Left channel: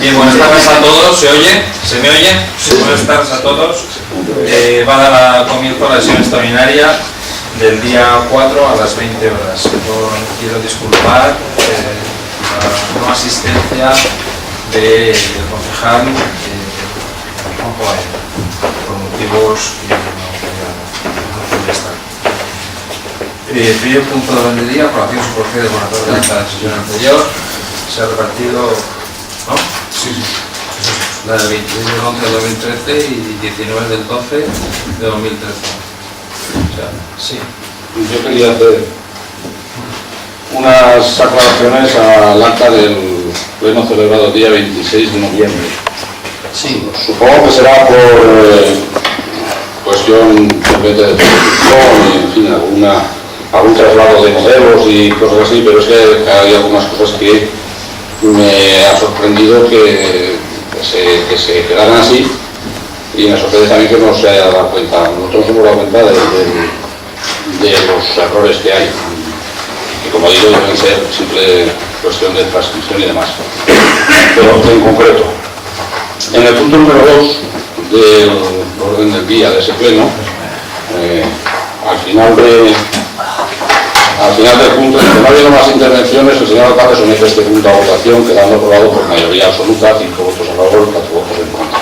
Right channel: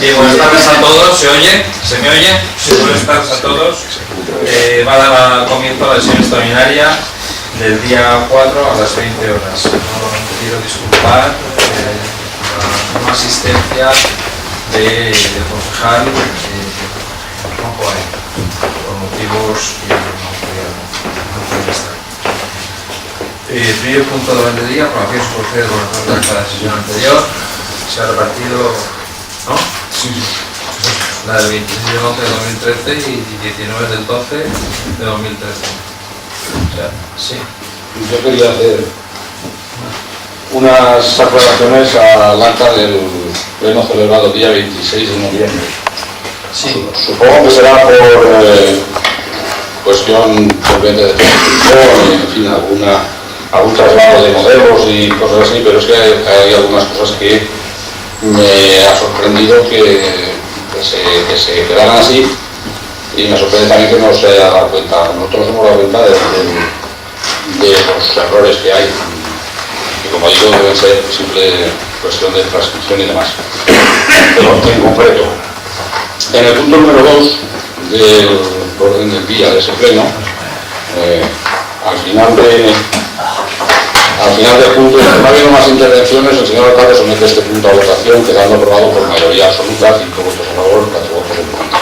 Bien, buenas tardes a todos. ¿Se oye? ¿Se me oye? Sí, buenas tardes a todos. Va a dar comienzo a la sesión extraordinaria del día 4 a las 20 horas. Quiero disculpar la no asistencia del concejal Juanjo Baena, por motivos que no podía estar. Primer punto de vendería, aprobación superficie de borrador de acta de la sesión anterior. Se ha repartido, ¿no? Sí. La del 26 del 11 de 2013 y 19 del 12 de 2013. O sea, sí. Yo quería hacer unas aclaraciones al acta del pleno celebrado el día 26 de noviembre. Sí. Supongo que será por cuestión simplemente de transcripción y, en fin, algún traslado de modelos y cosas así, pero es que hay algunas cosas que me ha sorprendido que se quedaran así, y me sorprende también que no se haya dado cuenta. Nosotros hemos dado cuenta de los errores que hay, y como digo, deben ser simple cuestión de transcripción y demás. Pero en concreto, en el punto número 2 del orden del día de ese pleno, al final del punto, no habiendo más intervenciones, el señor alcalde somete este punto a votación, quedando aprobado por mayoría absoluta, 5 votos a favor y 4 votos en contra.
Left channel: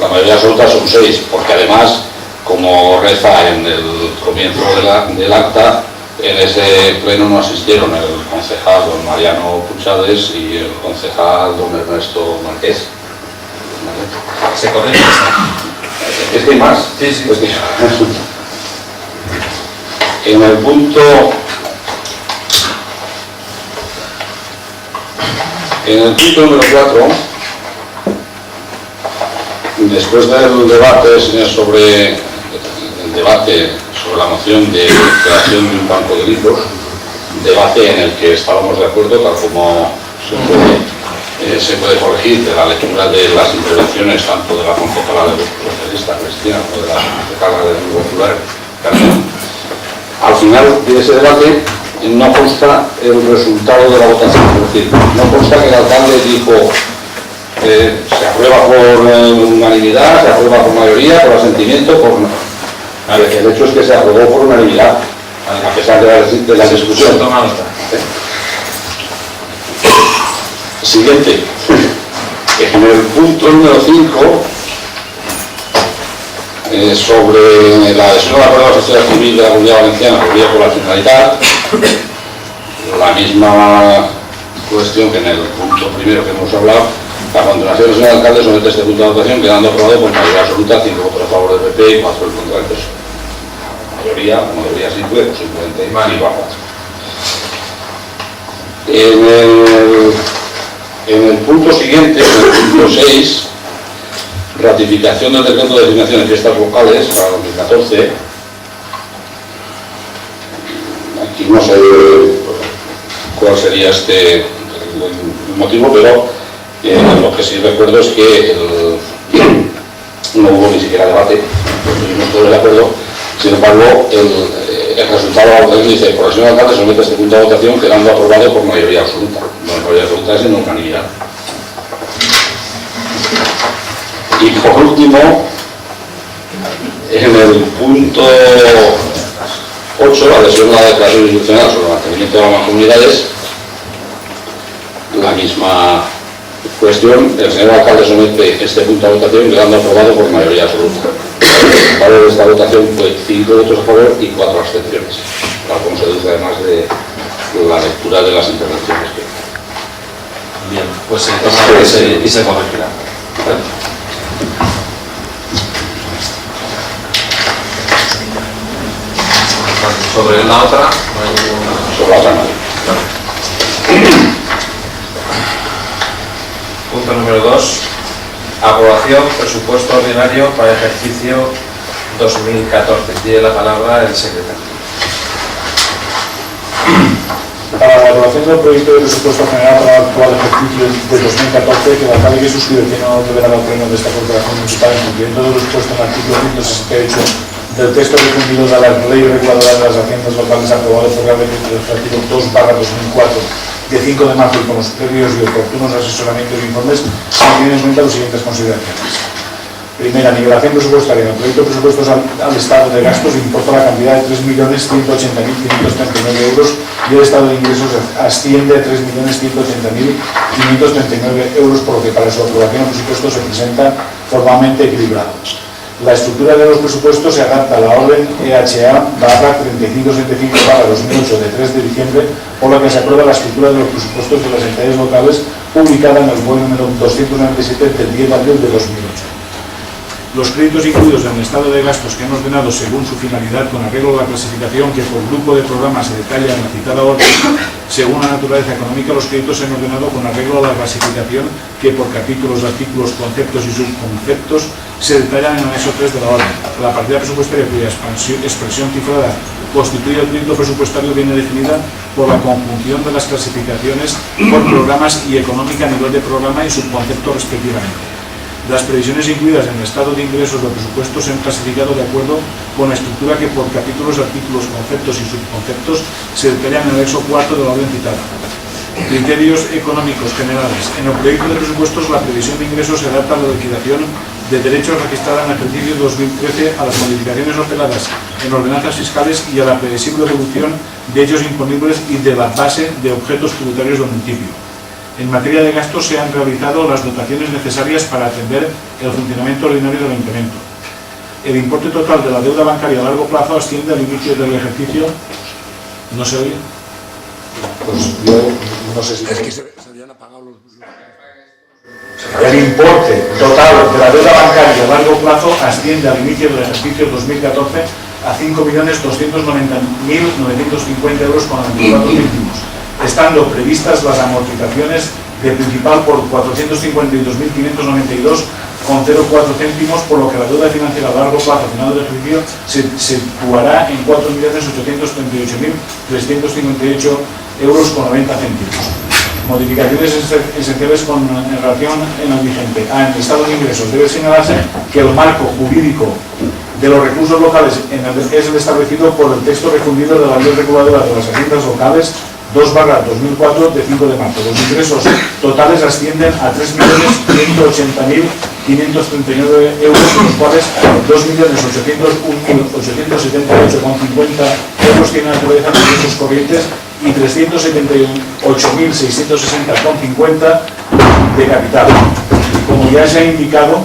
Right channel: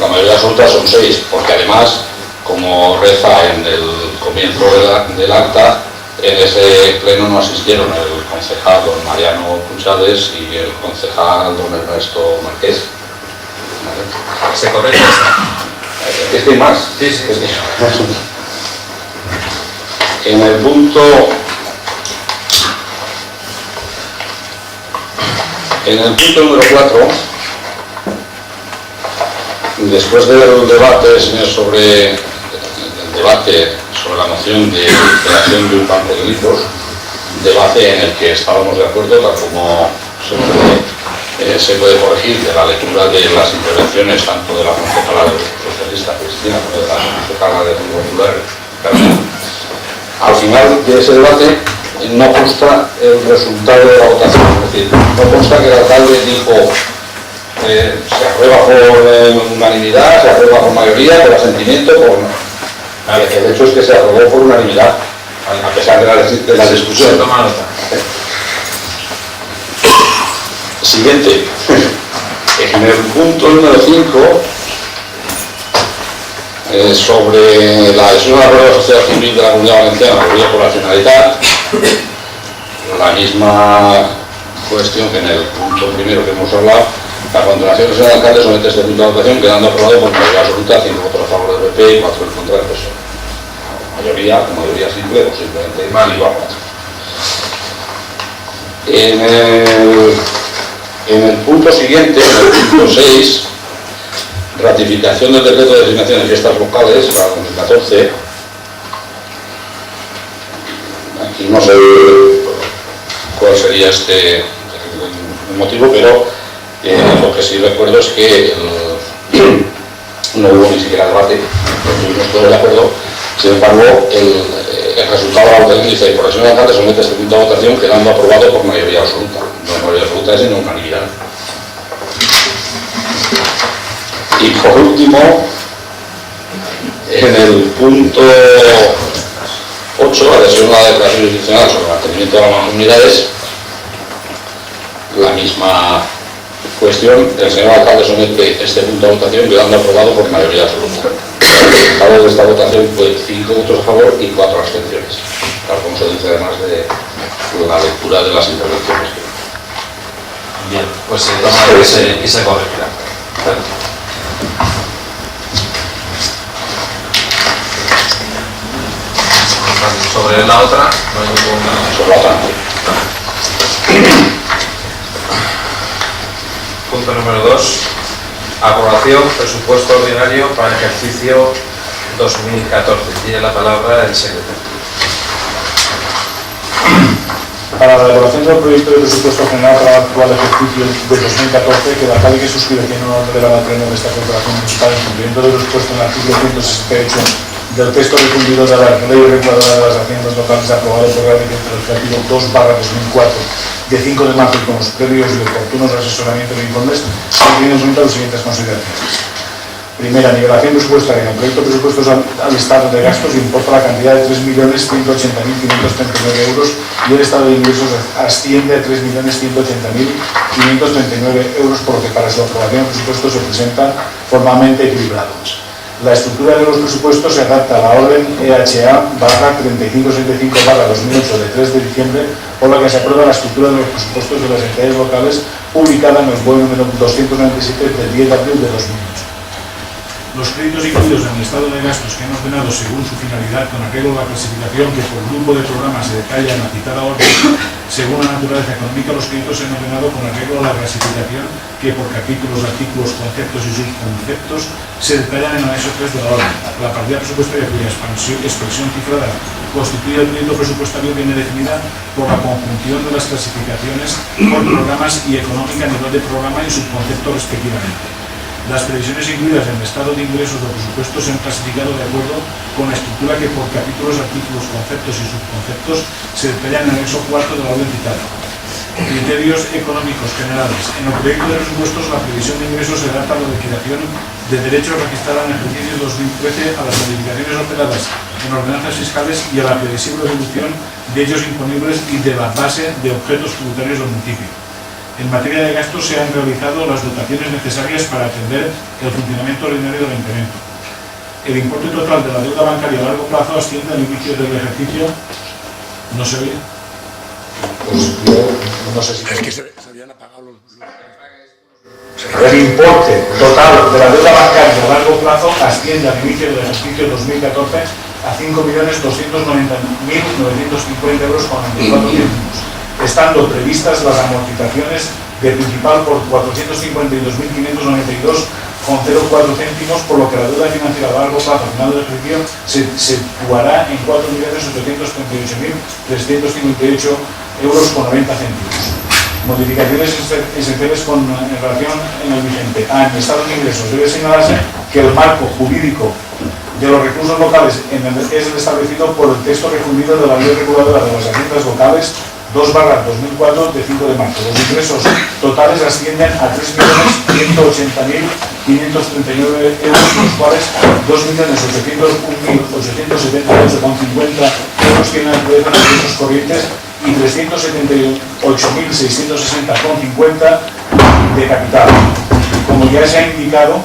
La mayoría absoluta son 6, porque además, como reza en el comienzo del acta, en ese pleno no asistieron el concejal don Mariano Puchades y el concejal don Ernesto Marqués. ¿Vale? ¿Se correcto? ¿Es que hay más? Sí, sí. Es que... En el punto número 4, después del debate sobre la moción de creación de un banco de libros, debate en el que estábamos de acuerdo, tal como se puede corregir de la lectura de las intervenciones tanto de la concejala del Grupo Socialista Cristina como de la concejala del Grupo Popular Carmen. Al final de ese debate no consta el resultado de la votación, es decir, no consta que el alcalde dijo se aprueba por unanimidad, se aprueba por mayoría, por asentimiento, por... El hecho es que se aprobó por unanimidad, a pesar de la discusión. Toma nota. Siguiente. En el punto número 5, sobre la adhesión a la Real Sociedad Civil de la Comunidad Valenciana, requerida por la Generalitat, la misma cuestión que en el punto primero que hemos hablado. A continuación, el señor alcalde somete este punto de votación, quedando aprobado por mayoría absoluta, 5 votos a favor del PP y 4 en contra del PSOE. Mayoría simple, o simplemente igual a 4. En el punto siguiente, en el punto 6, ratificación del decreto de designación de fiestas locales para 2014. Aquí no sé cuál sería el motivo, pero lo que sí recuerdo es que no hubo ni siquiera debate, no tuvimos todo el acuerdo. Sin embargo, el resultado de la votación dice: por el señor alcalde somete este punto de votación, quedando aprobado por mayoría absoluta. No mayoría absoluta es en unanimidad. Y por último, en el punto 8, la adhesión a la declaración institucional sobre el mantenimiento de las mancomunidades, la misma cuestión. El señor alcalde somete este punto a votación, quedando aprobado por mayoría absoluta. El valor de esta votación fue 5 votos a favor y 4 abstenciones, tal como se dice además de la lectura de las intervenciones. Bien, pues se toma y se corregirá. ¿Vale? Sobre la otra, no hay ningún... Sobre la otra. Punto número 2. Aprobación presupuesto ordinario para el ejercicio 2014. Tiene la palabra el secretario. Para la elaboración del proyecto de presupuesto general para el actual ejercicio de 2014, que el alcalde que suscribe el pleno delegado pleno de esta corporación municipal, en cumplimiento de lo expuesto en el artículo 168 del texto difundido de la Ley Reguladora de las Haciendas Locales aprobado por el Decreto Legislativo 2/2004 de 5 de marzo y con los previos y oportunos asesoramientos e informes, teniendo en cuenta las siguientes consideraciones. Primera, nivelación presupuestaria. En el proyecto de presupuestos al estado de gastos importa la cantidad de 3.180.539 euros y el estado de ingresos asciende a 3.180.539 euros, por lo que para su aprobación el presupuesto se presenta formalmente equilibrado. La estructura de los presupuestos se adapta a la orden EHA/3575/2008 de 3 de diciembre, por lo que se aprueba la estructura de los presupuestos de las entidades locales publicada en el BOE número 297 del 10 de abril de 2008. Los créditos incluidos en el estado de gastos que han ordenado según su finalidad con arreglo a la clasificación que por grupo de programas se detalla en la citada orden, según la naturaleza económica, los créditos se han ordenado con arreglo a la clasificación que por capítulos, artículos, conceptos y subconceptos se detallan en el anexo 3 de la orden. La partida presupuestaria cuya expresión cifrada constituye el crédito presupuestario viene definida por la conjunción de las clasificaciones por programas y económica a nivel de programa y subconcepto respectivamente. Las previsiones incluidas en el estado de ingresos del presupuesto se han clasificado de acuerdo con la estructura que por capítulos, artículos, conceptos y subconceptos se detallan en el anexo 4 de la orden citada. Criterios económicos generales. En el proyecto de presupuestos la previsión de ingresos se adapta a la liquidación de derechos registrada en el ejercicio 2013 a las modificaciones operadas en ordenanzas fiscales y a la previsible evolución de ellos imponibles y de la base de objetos tributarios del municipio. En materia de gastos se han realizado las dotaciones necesarias para atender el funcionamiento ordinario del ayuntamiento. El importe total de la deuda bancaria a largo plazo asciende al inicio del ejercicio. ¿No se oye? Pues yo no sé si... Es que se habían apagado los... El importe total de la deuda bancaria a largo plazo asciende al inicio del ejercicio 2014 a 5.290.950 euros con 94 céntimos, estando previstas las amortizaciones de principal por 452.592,04 céntimos, por lo que la deuda financiera a largo plazo al final del ejercicio se situará en 4.838.358 euros con 90 céntimos. Modificaciones esenciales en relación en el vigente. En el estado de ingresos debe señalarse que el marco jurídico de los recursos locales es el establecido por el texto refundido de la Ley Reguladora de las Haciendas Locales 2/2004 de 5 de marzo. Los ingresos totales ascienden a 3.180.539 euros, de los cuales 2.801.878,50 euros tienen naturaleza de ingresos corrientes y 378.660,50 de capital. Como ya se ha indicado,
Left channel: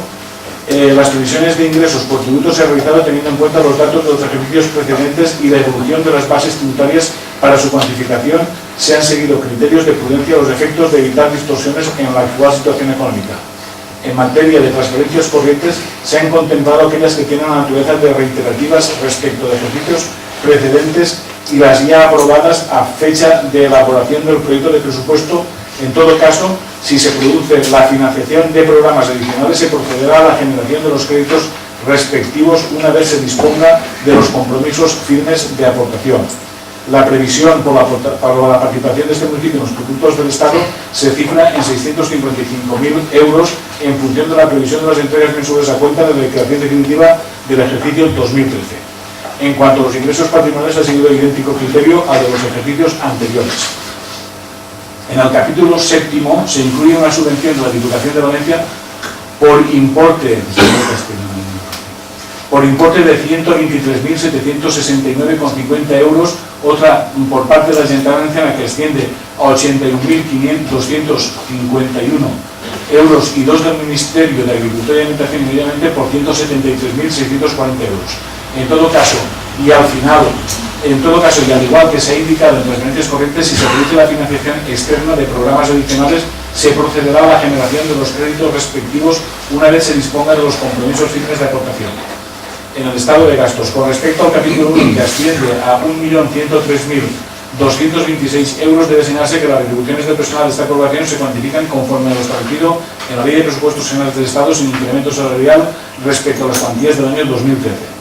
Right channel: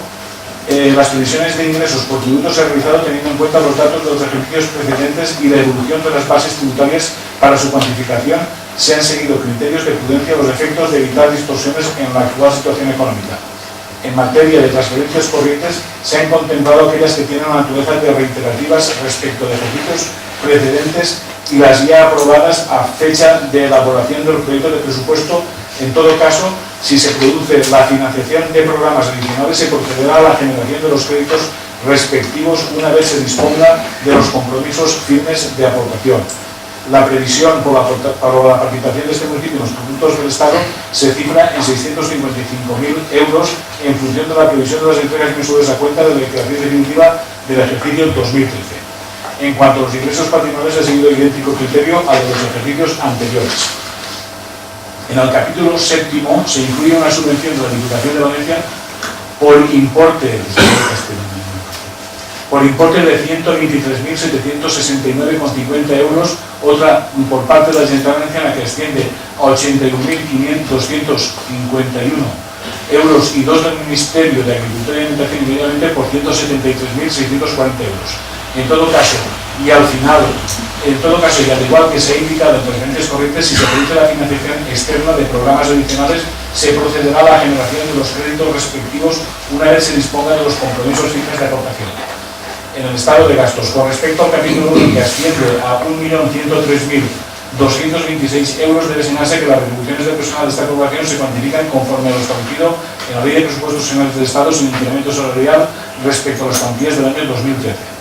las previsiones de ingresos por tributos se han realizado teniendo en cuenta los datos de los ejercicios precedentes y la evolución de las bases tributarias. Para su cuantificación se han seguido criterios de prudencia a los efectos de evitar distorsiones en la actual situación económica. En materia de transferencias corrientes se han contemplado aquellas que tienen la naturaleza de reiterativas respecto de ejercicios precedentes y las ya aprobadas a fecha de elaboración del proyecto de presupuesto. En todo caso, si se produce la financiación de programas adicionales, se procederá a la generación de los créditos respectivos una vez se disponga de los compromisos firmes de aportación. La previsión por la participación de este municipio en los productos del Estado se cifra en 655.000 euros en función de la previsión de las entregas mensuales a cuenta de la declaración definitiva del ejercicio 2013. En cuanto a los ingresos patrimoniales, ha seguido idéntico criterio a los ejercicios anteriores. En el capítulo séptimo se incluye una subvención de la Diputación de Valencia por importe de 123.769,50 euros, otra por parte de la Generalitat Valenciana que asciende a 81.251 euros y dos del Ministerio de Agricultura y Alimentación y Medio Ambiente por 176.640 euros. En todo caso, y al igual que se ha indicado en preferencias corrientes, si se produce la financiación externa de programas adicionales, se procederá a la generación de los créditos respectivos una vez se disponga de los compromisos firmes de aportación. En el estado de gastos, con respecto al capítulo 1, que asciende a 1.103.226 euros, debe señalarse que las retribuciones del personal de esta corporación se cuantifican conforme a lo establecido en la Ley de Presupuestos Generales del Estado sin incremento salarial respecto a las cuantías del año 2013.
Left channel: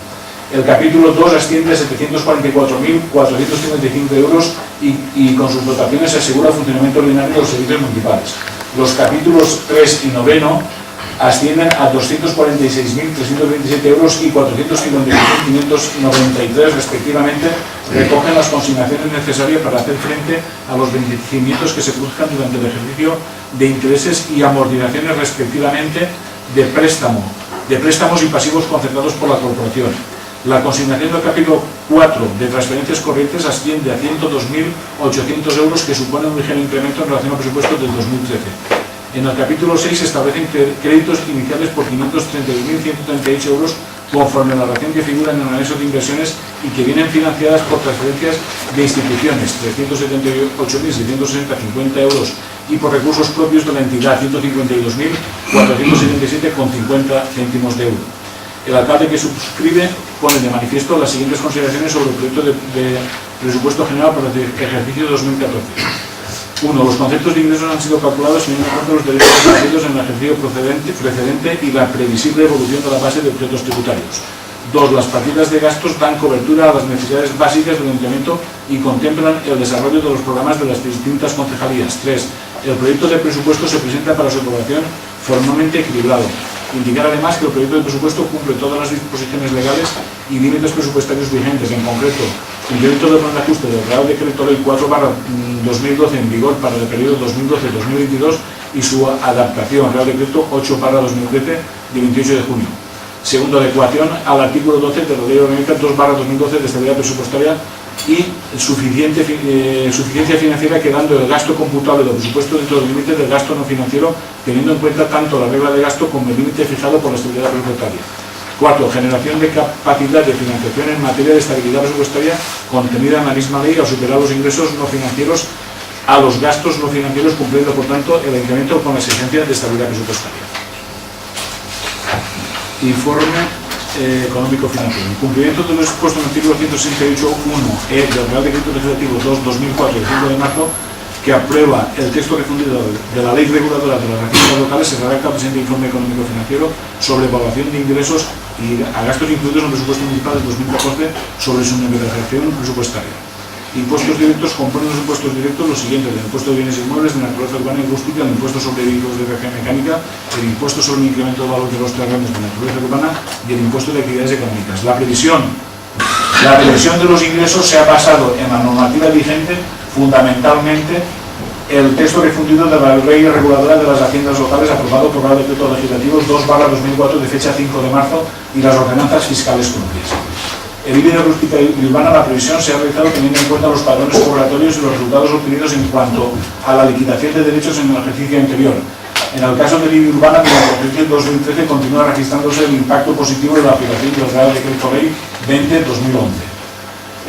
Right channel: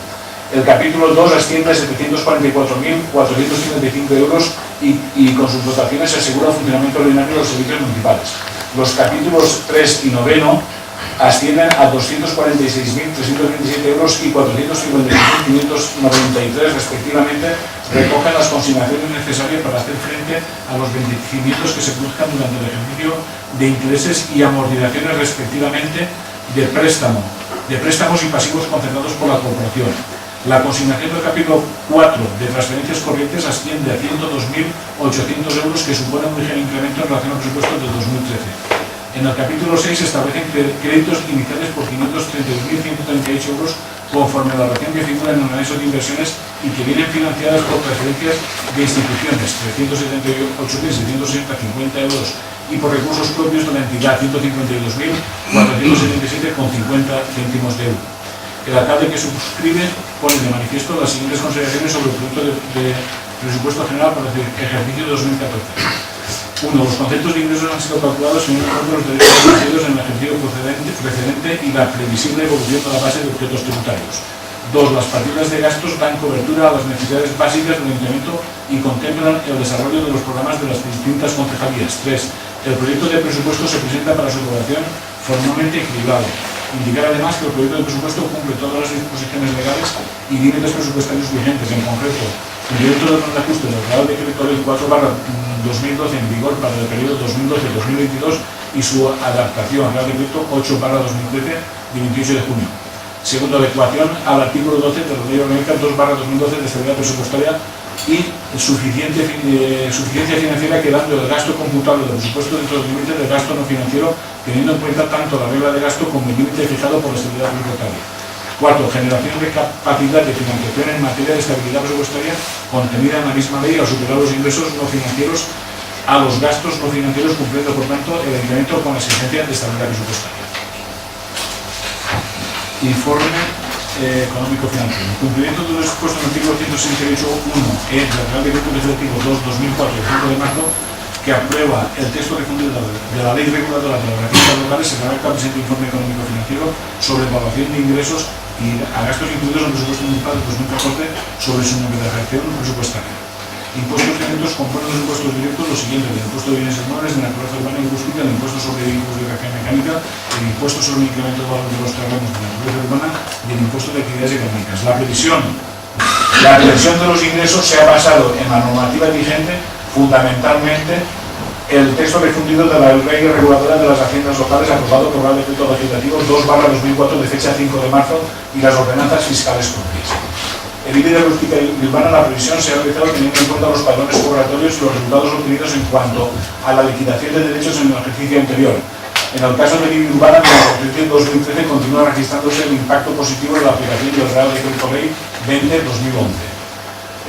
El capítulo 2 asciende a 744.455 euros y con sus dotaciones se asegura el funcionamiento ordinario de los servicios municipales. Los capítulos 3 y 9 ascienden a 246.327 euros y 455.593 respectivamente, recogen las consignaciones necesarias para hacer frente a los vencimientos que se produzcan durante el ejercicio de intereses y amortizaciones respectivamente de préstamos y pasivos concertados por la corporación. La consignación del capítulo 4 de transferencias corrientes asciende a 102.800 euros, que supone un ligero incremento en relación al presupuesto del 2013. En el capítulo 6 se establecen créditos iniciales por 532.138 euros conforme a la relación que figura en el anexo de inversiones y que vienen financiadas por transferencias de instituciones, 378.660,50 euros, y por recursos propios de la entidad, 152.477,50 céntimos de euro. El alcalde que suscribe pone de manifiesto las siguientes consideraciones sobre el proyecto de presupuesto general para el ejercicio 2014. 1. Los conceptos de ingresos han sido calculados teniendo en cuenta los derechos recibidos en el ejercicio precedente y la previsible evolución de la base de objetos tributarios. 2. Las partidas de gastos dan cobertura a las necesidades básicas del ayuntamiento y contemplan el desarrollo de los programas de las distintas concejalías. 3. El proyecto de presupuesto se presenta para su aprobación formalmente equilibrado. Indicar además que el proyecto de presupuesto cumple todas las disposiciones legales y límites presupuestarios vigentes, en concreto, cumplimiento del plan de ajuste del Real Decreto Ley 4/2012 en vigor para el periodo 2012-2022 y su adaptación, Real Decreto 8/2013 de 28 de junio. Segundo, adecuación al artículo 12 de la Ley Orgánica 2/2012 de estabilidad presupuestaria y suficiencia financiera, quedando el gasto computable del presupuesto dentro del límite del gasto no financiero, teniendo en cuenta tanto la regla de gasto como el límite fijado por la estabilidad presupuestaria. 4. Generación de capacidad de financiación en materia de estabilidad presupuestaria contenida en la misma ley al superar los ingresos no financieros a los gastos no financieros, cumpliendo por tanto el incremento con la exigencia de estabilidad presupuestaria. Informe económico-financiero. En cumplimiento de lo expuesto en el artículo 168.1 del Real Decreto Legislativo 2/2004 del 5 de marzo, que aprueba el texto refundido de la Ley Reguladora de las Haciendas Locales, se redacta el presente informe económico-financiero sobre evaluación de ingresos y a gastos incluidos en el presupuesto municipal del 2014 sobre su negociación presupuestaria. Impuestos directos componen los impuestos directos los siguientes: el impuesto de bienes inmuebles, de naturaleza urbana y rústica, el impuesto sobre vehículos de energía mecánica, el impuesto sobre el incremento de valor de los terrenos de naturaleza urbana y el impuesto de actividades económicas. La previsión de los ingresos se ha basado en la normativa vigente, fundamentalmente el texto refundido de la Ley Reguladora de las Haciendas Locales, aprobado por el Decreto Legislativo 2/2004 de fecha 5 de marzo, y las ordenanzas fiscales propias. En IBI de rústica y urbana, la previsión se ha realizado teniendo en cuenta los padrones cobratorios y los resultados obtenidos en cuanto a la liquidación de derechos en el ejercicio anterior. En el caso de IBI urbana, en el ejercicio 2013 continúa registrándose el impacto positivo de la aplicación del Real Decreto Ley 20/2011.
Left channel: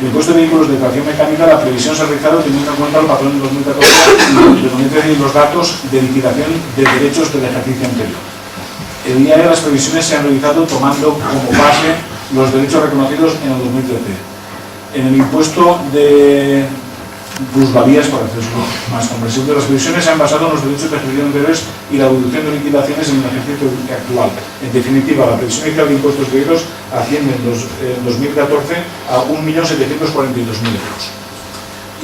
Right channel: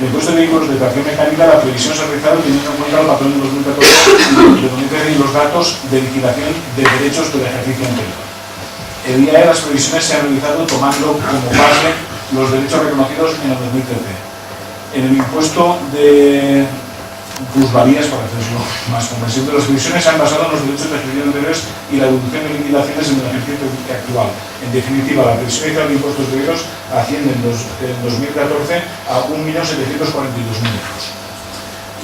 En el impuesto de vehículos de tracción mecánica, la previsión se ha realizado teniendo en cuenta el patrón de 2014 y los datos de liquidación de derechos del ejercicio anterior. El IAE, las previsiones se han realizado tomando como base los derechos reconocidos en el 2013. En el impuesto de plusvalías, para hacerlo más comprensible, las previsiones se han basado en los derechos de ejercicio anteriores y la deducción de liquidaciones en el ejercicio actual. En definitiva, la previsión inicial de impuestos directos asciende en 2014 a 1.742.000 euros.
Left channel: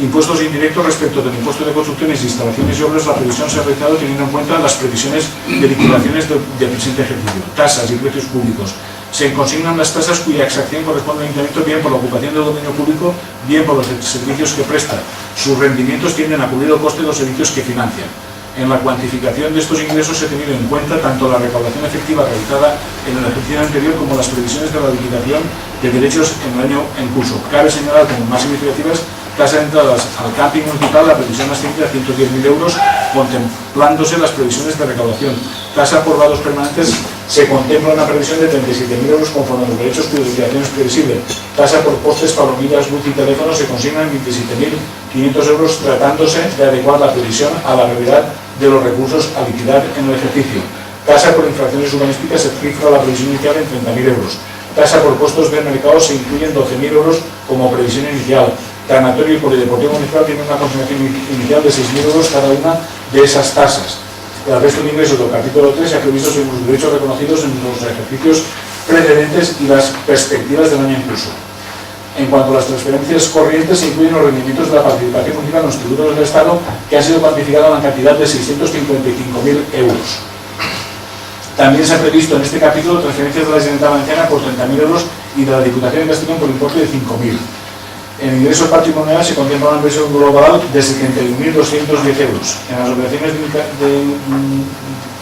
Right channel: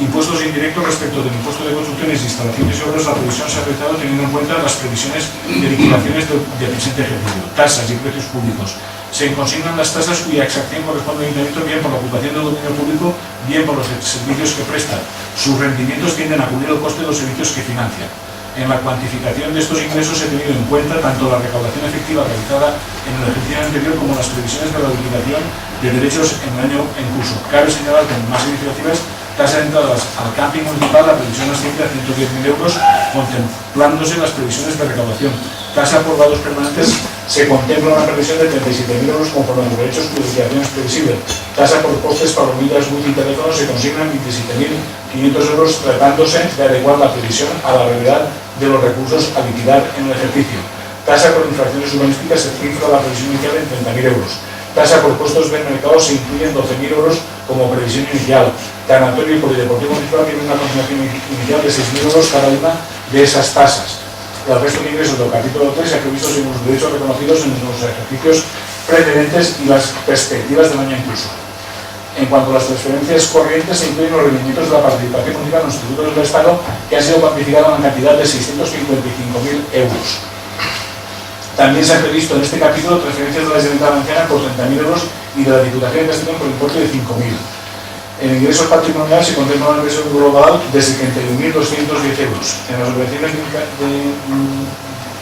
Impuestos indirectos: respecto del impuesto de construcciones, instalaciones y obras, la previsión se ha realizado teniendo en cuenta las previsiones de liquidaciones del presente ejercicio. Tasas y precios públicos. Se consignan las tasas cuya exacción corresponde al ayuntamiento, bien por la ocupación del dominio público, bien por los servicios que presta. Sus rendimientos tienden a cubrir el coste de los servicios que financian. En la cuantificación de estos ingresos se ha tenido en cuenta tanto la recaudación efectiva realizada en el ejercicio anterior como las previsiones de la liquidación de derechos en el año en curso. Cabe señalar como más significativas: tasa de entradas al camping municipal, la previsión asciende a 110.000 euros, contemplándose las previsiones de recaudación. Tasa por vados permanentes, se contempla una previsión de 37.000 euros conforme a los derechos cuya liquidación es previsible. Tasa por postes, palomitas, luz y teléfono, se consignan 27.500 euros, tratándose de adecuar la previsión a la realidad de los recursos a liquidar en el ejercicio. Tasa por infracciones urbanísticas, se cifra la previsión inicial en 30.000 euros. Tasa por puestos de mercado, se incluyen 12.000 euros como previsión inicial. Tanatorio y polideportivo municipal tienen una consignación inicial de 6.000 euros cada una de esas tasas. El resto de ingresos del capítulo 3 se ha previsto según los derechos reconocidos en los ejercicios precedentes y las perspectivas del año en curso. En cuanto a las transferencias corrientes, se incluyen los rendimientos de la participación municipal en los tributos del Estado, que ha sido cuantificado en la cantidad de 655.000 euros. También se ha previsto en este capítulo transferencias de la Generalitat Valenciana por 30.000 euros y de la Diputación de Castellón por importe de 5.000. En ingresos patrimoniales se contempla una inversión global de 71.210 euros. En las operaciones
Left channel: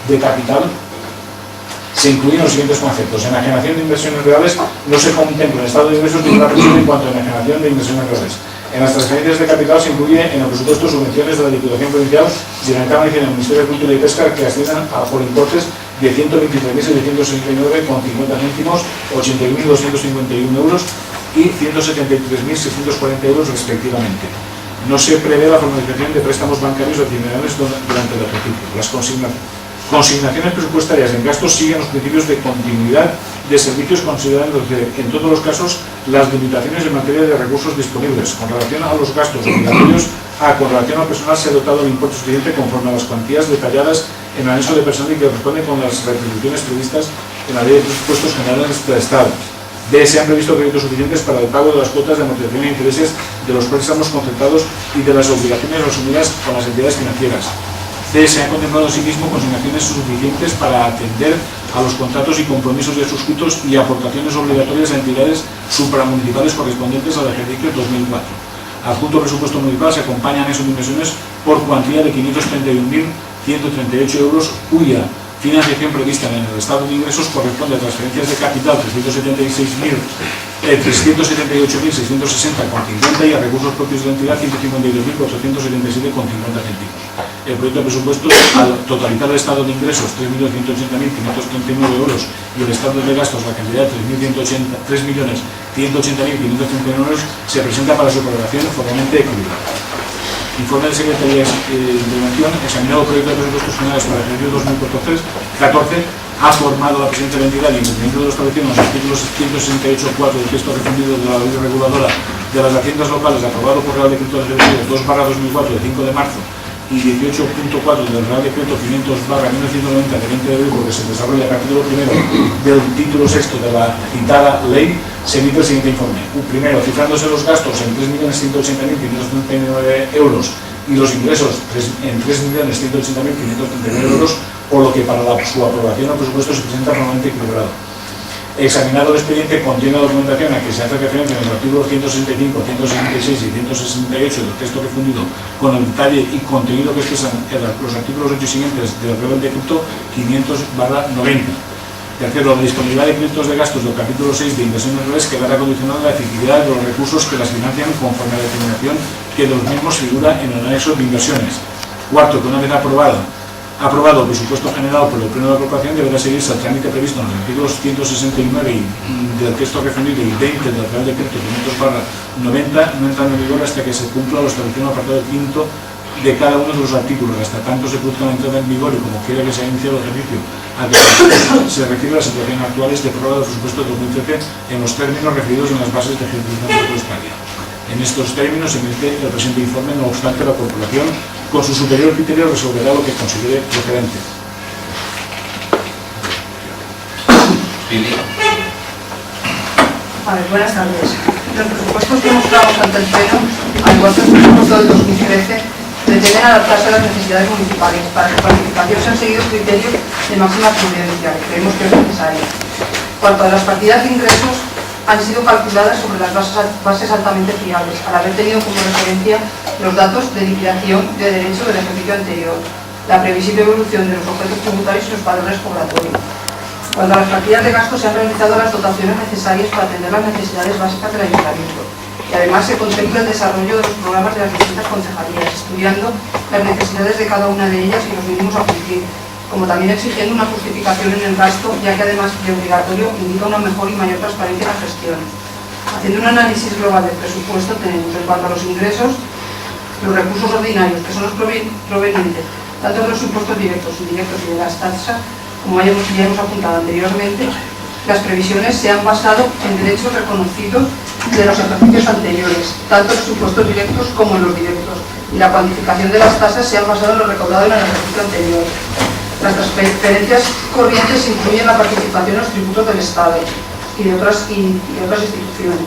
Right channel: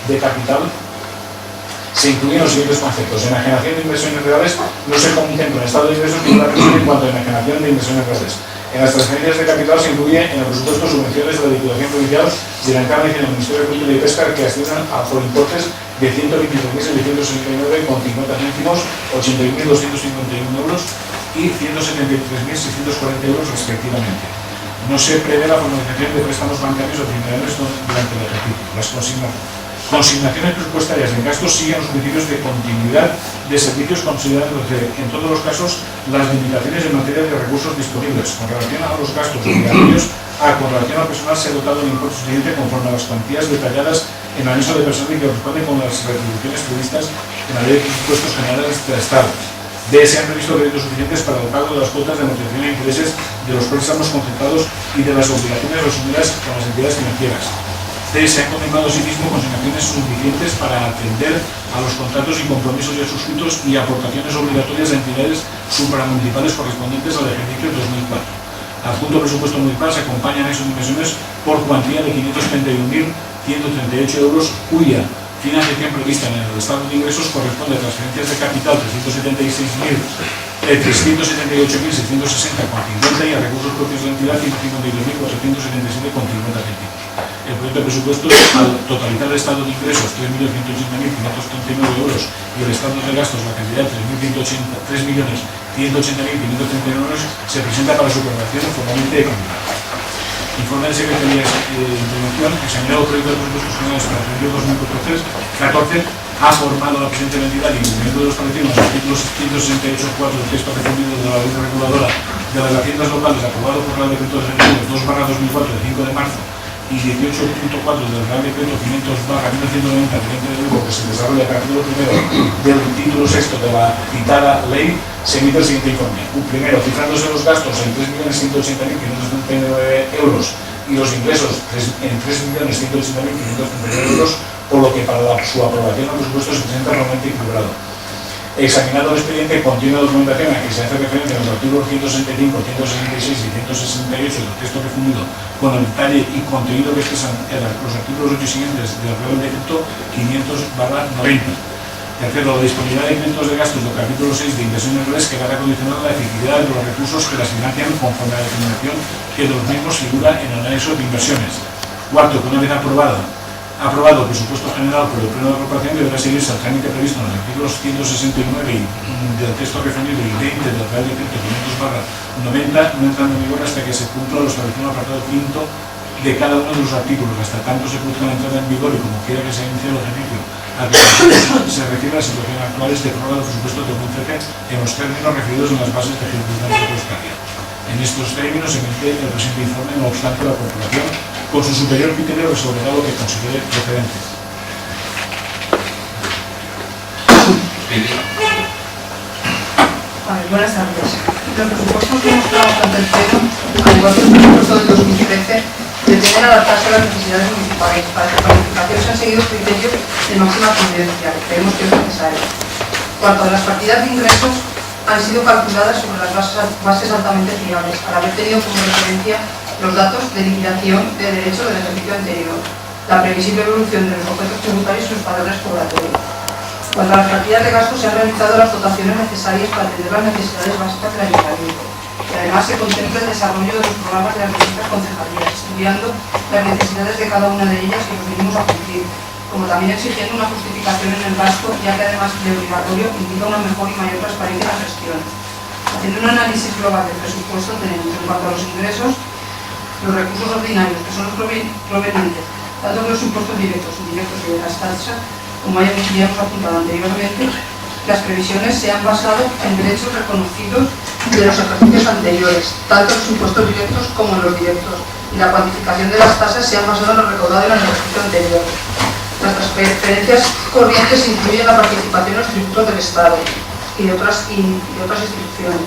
de capital se incluyen los siguientes conceptos. Enajenación de inversiones reales no se contempla en estado de ingresos ninguna previsión en cuanto a enajenación de inversiones reales. En las transferencias de capital se incluye en el presupuesto subvenciones de la Diputación Provincial de la Cámara y del Ministerio de Cultura y Pesca que ascienden por importes de 123.769,50 céntimos, 81.251 euros y 173.640 euros respectivamente. No se prevé la formalización de préstamos bancarios adicionales durante el ejercicio. Las consignaciones presupuestarias en gastos siguen los principios de continuidad de servicios, considerándose en todos los casos las limitaciones en materia de recursos disponibles. Con relación a los gastos obligatorios, con relación al personal se ha dotado el importe suficiente conforme a las cuantías detalladas en el anexo de personal y que corresponde con las retribuciones previstas en la Ley de Presupuestos Generales del Estado. D. Se han previsto créditos suficientes para el pago de las cuotas de amortización e intereses de los préstamos concertados y de las obligaciones asumidas con las entidades financieras. C. Se han contemplado asimismo consignaciones suficientes para atender a los contratos y compromisos ya suscritos y aportaciones obligatorias a entidades supramunicipales correspondientes al ejercicio 2004. Adjunto presupuesto municipal se acompañan esos inversiones por cuantía de 531.138 euros, cuya financiación prevista en el estado de ingresos corresponde a transferencias de capital 378.660,50 y a recursos propios de la entidad 152.477,50 céntimos. El proyecto de presupuestos, al totalizar el estado de ingresos 3.180.539 euros y el estado de gastos la cantidad de 3.180.539 euros, se presenta para su aprobación formalmente equilibrada. Informe de Secretaría de Intervención, examinado el proyecto de presupuestos generales para el ejercicio 2014, ha formado la presente entidad y en cumplimiento de lo establecido en los artículos 168.4 del texto refundido de la Ley Reguladora de las Haciendas Locales, aprobado por Real Decreto de Ejecutivos 2/2004 de 5 de marzo y 18.4 del Real Decreto 500/1990 de 20 de abril, que se desarrolla a partir del título sexto de la citada ley, se emite el siguiente informe. Primero, cifrándose los gastos en 3.180.539 euros y los ingresos en 3.180.539 euros, por lo que para su aprobación el presupuesto se presenta formalmente equilibrado. Examinado el expediente, contiene la documentación a que se hace referencia en los artículos 165, 166 y 168 del texto refundido, con el detalle y contenido que expresan los artículos 8 y siguientes del Real Decreto 500/90. Tercero, la disponibilidad de créditos de gastos del capítulo 6 de inversiones reales quedará condicionada a la efectividad de los recursos que las financian conforme a la determinación que de los mismos figura en el anexo de inversiones. Cuarto, que una vez aprobado el presupuesto general por el Pleno de la Corporación, deberá seguirse el trámite previsto en los artículos 169 del texto refundido y 20 del Real Decreto 500/90, no entrando en vigor hasta que se cumpla lo establecido en el apartado quinto de cada uno de los artículos, hasta tanto se produzca la entrada en vigor y como quiera que se inicie el ejercicio al que se refiere a la situación actual de prórroga del presupuesto de 2013 en los términos referidos en las bases de ejecución presupuestaria. En estos términos se emite el presente informe, no obstante la Corporación, con su superior criterio, resolverá lo que considere procedente. Buenas tardes. Los presupuestos que mostramos ante el Pleno, al igual que el presupuesto del 2013, pretenden adaptarse a las necesidades municipales. Para su planificación se han seguido criterios de máxima prudencia, que creemos que es necesario. Cuanto a las partidas de ingresos, han sido calculadas sobre las bases altamente fiables, al haber tenido como referencia los datos de liquidación de derecho del ejercicio anterior, la previsible evolución de los objetos tributarios y los padrones cobratorios. Cuanto a las partidas de gasto, se han realizado las dotaciones necesarias para atender las necesidades básicas del ayuntamiento, y además se contempla el desarrollo de los programas de las distintas concejalías, estudiando las necesidades de cada una de ellas y los mínimos a cumplir, como también exigiendo una justificación en el gasto, ya que además de obligatorio indica una mejor y mayor transparencia en la gestión. Haciendo un análisis global del presupuesto, tenemos en cuanto a los ingresos, los recursos ordinarios, que son los provenientes tanto de los impuestos directos, indirectos y de las tasas, como ya hemos apuntado anteriormente. Las previsiones se han basado en derechos reconocidos de los ejercicios anteriores, tanto los impuestos directos como los directos, y la cuantificación de las tasas se ha basado en lo recaudado en el ejercicio anterior. Las transferencias corrientes incluyen la participación en los tributos del Estado y de otras instituciones.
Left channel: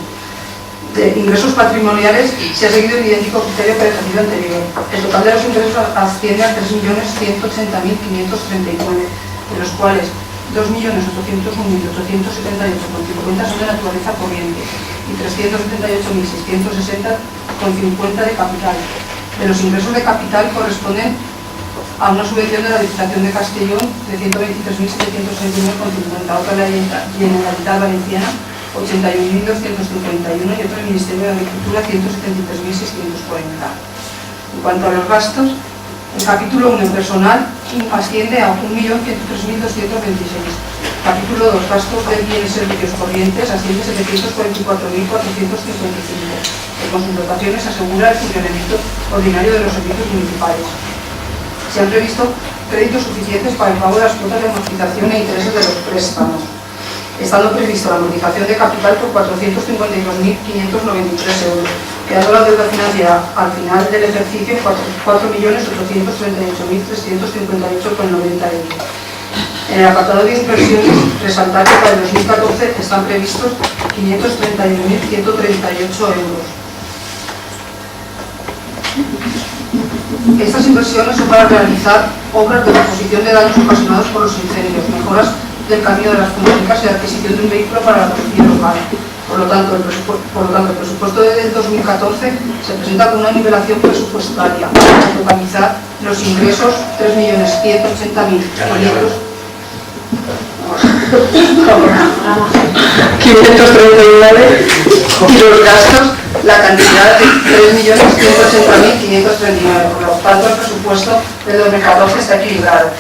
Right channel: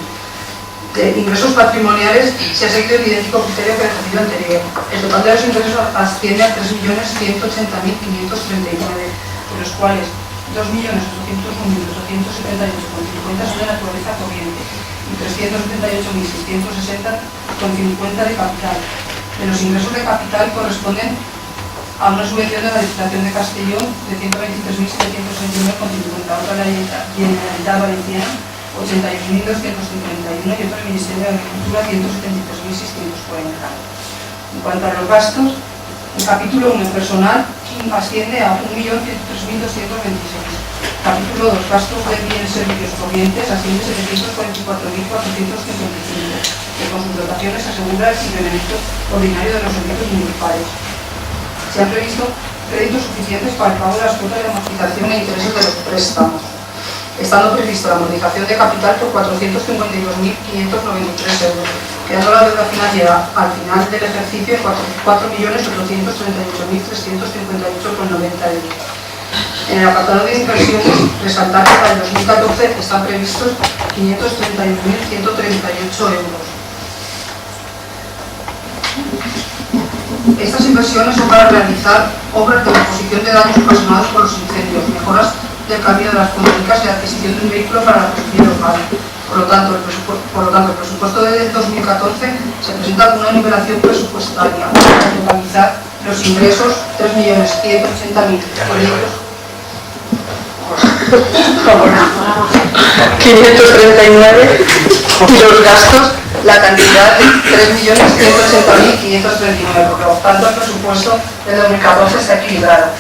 De ingresos patrimoniales se ha seguido el idéntico criterio que el ejercicio anterior. El total de los ingresos asciende a 3.180.539, de los cuales 2.801.878,50 son de naturaleza corriente y 378.660,50 de capital. De los ingresos de capital corresponden a una subvención de la Diputación de Castellón de 123.769,50, otra de la Generalitat Valenciana 81.251 y otro del Ministerio de Agricultura 173.640. En cuanto a los gastos, el capítulo 1 personal asciende a 1.103.226. Capítulo 2 gastos de bienes y servicios corrientes asciende a 744.455, que con sus dotaciones asegura el funcionamiento ordinario de los servicios municipales. Se han previsto créditos suficientes para el pago de las cuotas de amortización e intereses de los préstamos, estando prevista la amortización de capital por 452.593 euros, quedando la deuda financiera al final del ejercicio en 4.838.358,90 euros. En el apartado de inversiones, resaltar que para el 2014 están previstos 531.138 euros. Estas inversiones son para realizar obras de reposición de daños ocasionados por los incendios, mejoras del camino de las comarcas y adquisición de un vehículo para la policía local. Por lo tanto, el presupuesto del 2014 se presenta con una nivelación presupuestaria para totalizar los ingresos 3.180.500 y los gastos la cantidad de 3.180.539. Por lo tanto, el presupuesto del 2014 está equilibrado.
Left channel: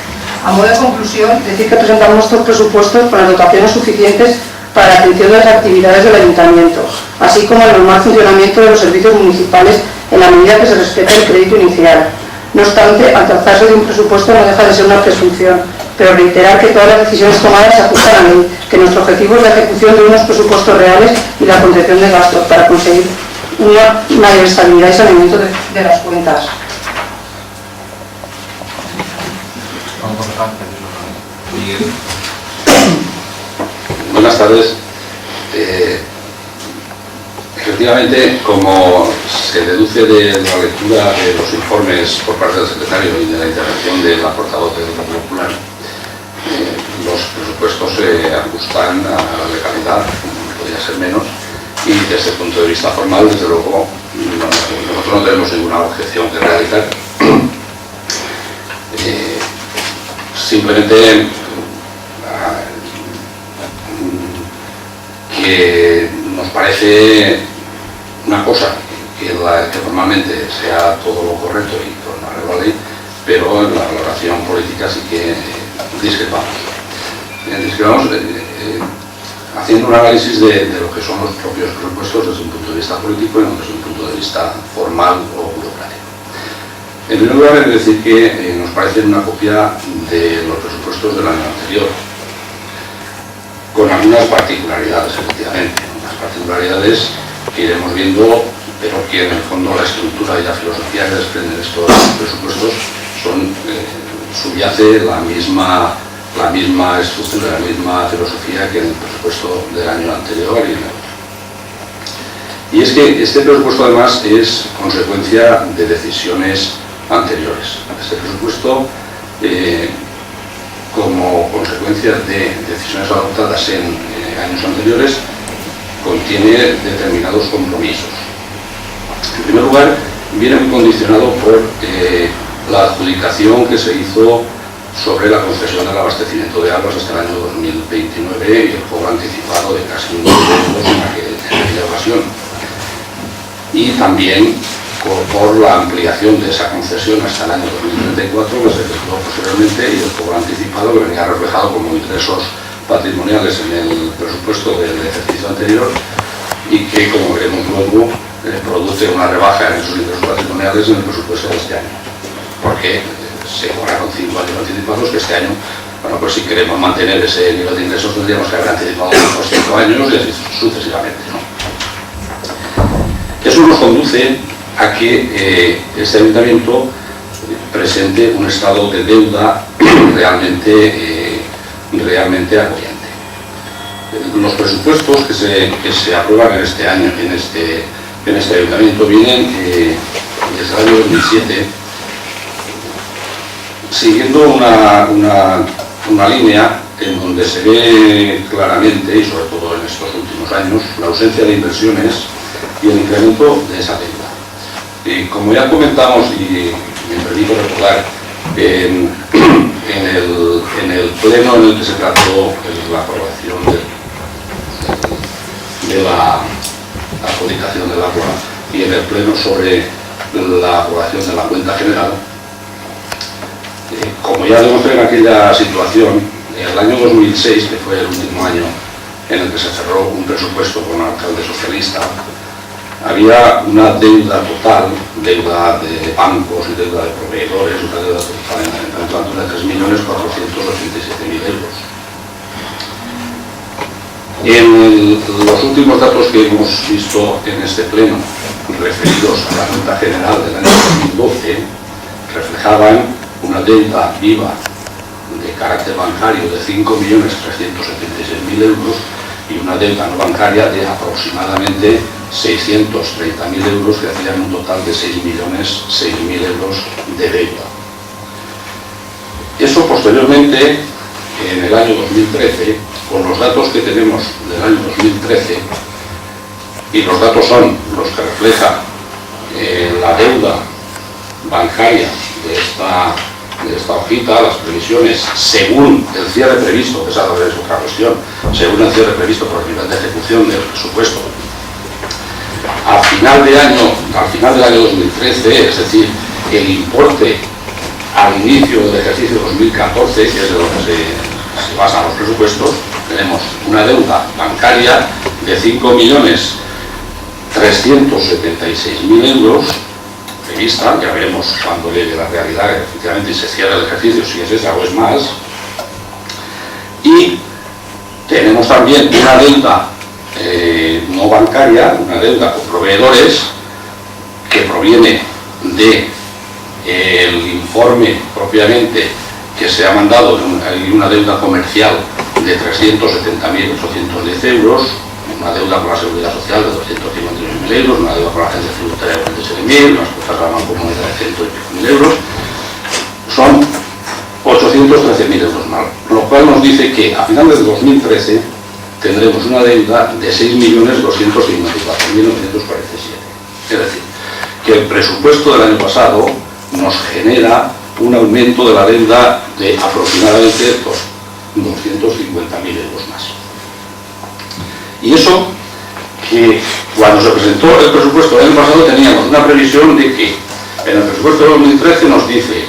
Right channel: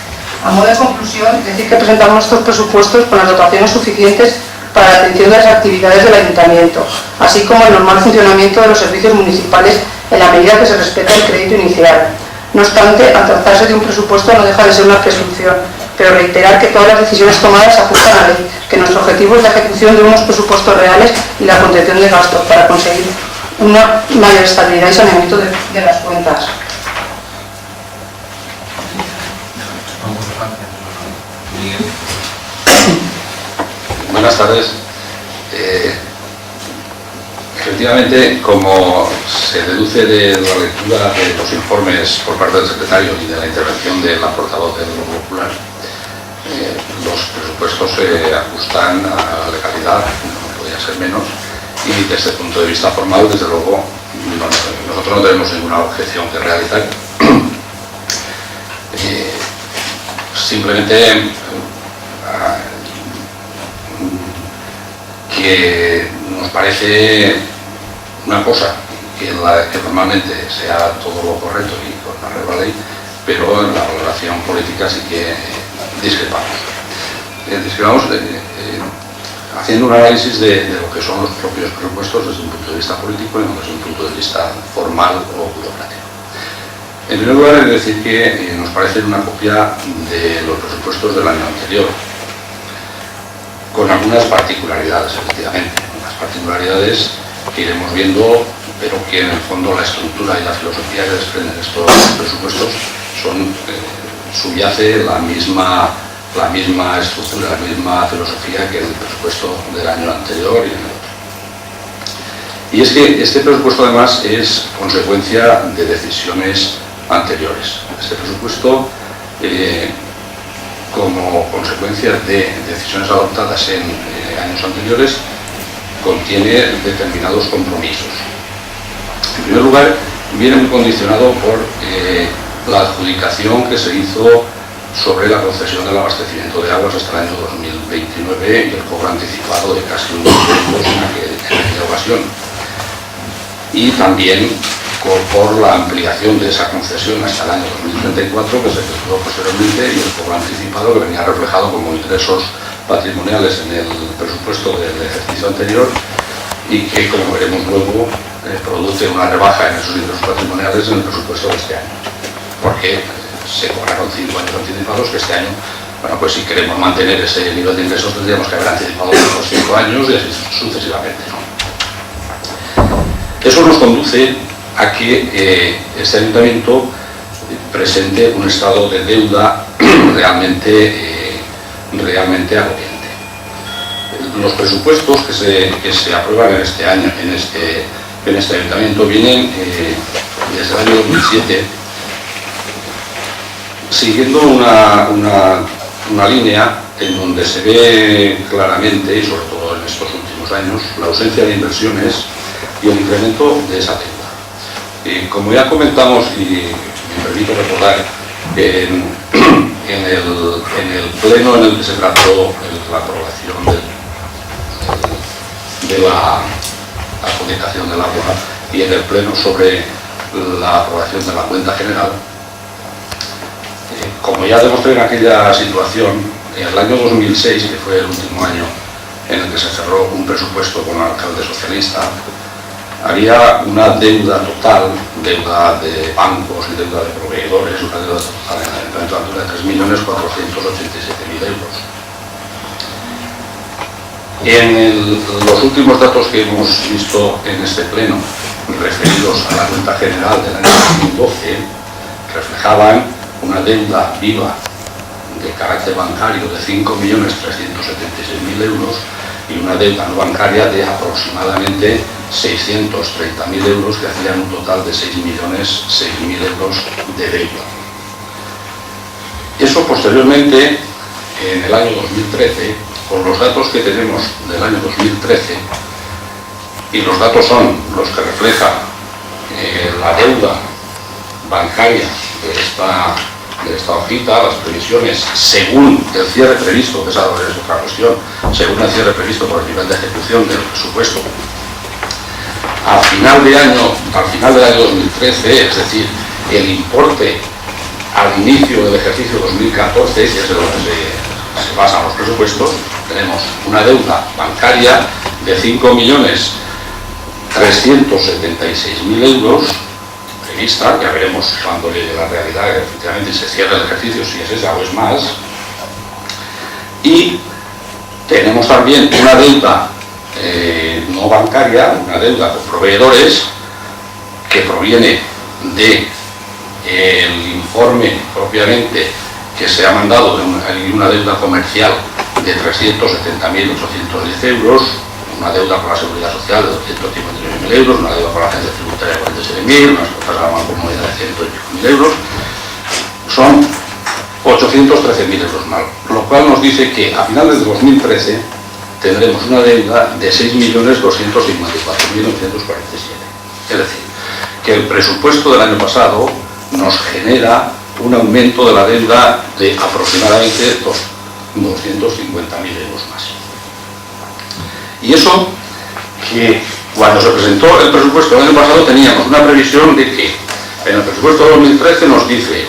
A modo de conclusión, decir que presentamos estos presupuestos con las dotaciones suficientes para la atención de las actividades del Ayuntamiento, así como el normal funcionamiento de los servicios municipales en la medida que se respeta el crédito inicial. No obstante, al tratarse de un presupuesto no deja de ser una presunción, pero reiterar que todas las decisiones tomadas se ajustan a la ley, que nuestro objetivo es la ejecución de unos presupuestos reales y la contención de gastos para conseguir una mayor estabilidad y saneamiento de las cuentas. Buenas tardes. Efectivamente, como se deduce de la lectura de los informes por parte del secretario y de la intervención de la portavoz del Grupo Popular, los presupuestos se ajustan a la legalidad, no podría ser menos, y desde el punto de vista formal, desde luego, nosotros no tenemos ninguna objeción que realizar. Simplemente que nos parece una cosa que normalmente sea todo lo correcto y con arreglo a la ley, pero en la valoración política sí que discrepamos. Discrepamos haciendo un análisis de lo que son los propios presupuestos desde un punto de vista político y no desde un punto de vista formal o burocrático. En primer lugar, es decir que nos parece una copia de los presupuestos del año anterior, con algunas particularidades, efectivamente, unas particularidades que iremos viendo, pero que en el fondo la estructura y la filosofía que desprenden estos presupuestos subyace la misma estructura, la misma filosofía que en el presupuesto del año anterior y en el otro. Y es que este presupuesto además es consecuencia de decisiones anteriores. Este presupuesto, como consecuencia de decisiones adoptadas en años anteriores, contiene determinados compromisos. En primer lugar, viene muy condicionado por la adjudicación que se hizo sobre la concesión del abastecimiento de aguas hasta el año 2029 y el cobro anticipado de casi 1 millón de euros en aquella ocasión. Y también por la ampliación de esa concesión hasta el año 2034, que se efectuó posteriormente, y el cobro anticipado que venía reflejado como ingresos patrimoniales en el presupuesto del ejercicio anterior y que, como veremos luego, produce una rebaja en esos ingresos patrimoniales en el presupuesto de este año, porque se cobraron 5 años anticipados que este año, bueno, pues si queremos mantener ese nivel de ingresos tendríamos que haber anticipado los 5 años y así sucesivamente, ¿no? Eso nos conduce a que este ayuntamiento presente un estado de deuda realmente agobiante. Los presupuestos que se aprueban en este año, en este ayuntamiento, vienen desde el año 2007 siguiendo una línea en donde se ve claramente, y sobre todo en estos últimos años, la ausencia de inversiones y el incremento de esa deuda. Y como ya comentamos, y me permito recordar, en el pleno en el que se trató la aprobación de la adjudicación del agua y en el pleno sobre la aprobación de la cuenta general, como ya demostré en aquella situación, en el año 2006, que fue el último año en el que se cerró un presupuesto con el alcalde socialista, había una deuda total, deuda de bancos y deuda de proveedores, una deuda total en el ayuntamiento de 3.487.000 euros. En los últimos datos que hemos visto en este pleno, referidos a la cuenta general del año 2012, reflejaban una deuda viva de carácter bancario de 5.376.000 euros y una deuda no bancaria de aproximadamente 630.000 euros, que hacían un total de 6.006.000 euros de deuda. Eso posteriormente, en el año 2013, con los datos que tenemos del año 2013, y los datos son los que reflejan la deuda bancaria de esta hojita, las previsiones según el cierre previsto, que esa es otra cuestión, según el cierre previsto por el nivel de ejecución del presupuesto. Al final del año 2013, es decir, el importe al inicio del ejercicio 2014, que es de lo que se basan los presupuestos, tenemos una deuda bancaria de 5.376.000 euros prevista, ya veremos cuando llegue la realidad, efectivamente, si se cierra el ejercicio, si es esa o es más. Y tenemos también una deuda no bancaria, una deuda con proveedores, que proviene del informe propiamente que se ha mandado, hay una deuda comercial de 370.810 euros, una deuda por la Seguridad Social de 259.000 euros, una deuda por la Agencia Tributaria de 47.000, unas cuotas a la Mancomunidad de 108.000 euros, son 813.000 euros más, lo cual nos dice que a finales de 2013 tendremos una deuda de 6.254.947. Es decir, que el presupuesto del año pasado nos genera un aumento de la deuda de aproximadamente 250.000 euros más. Y eso que cuando se presentó el presupuesto del año pasado teníamos una previsión de que en el presupuesto de 2013 nos dice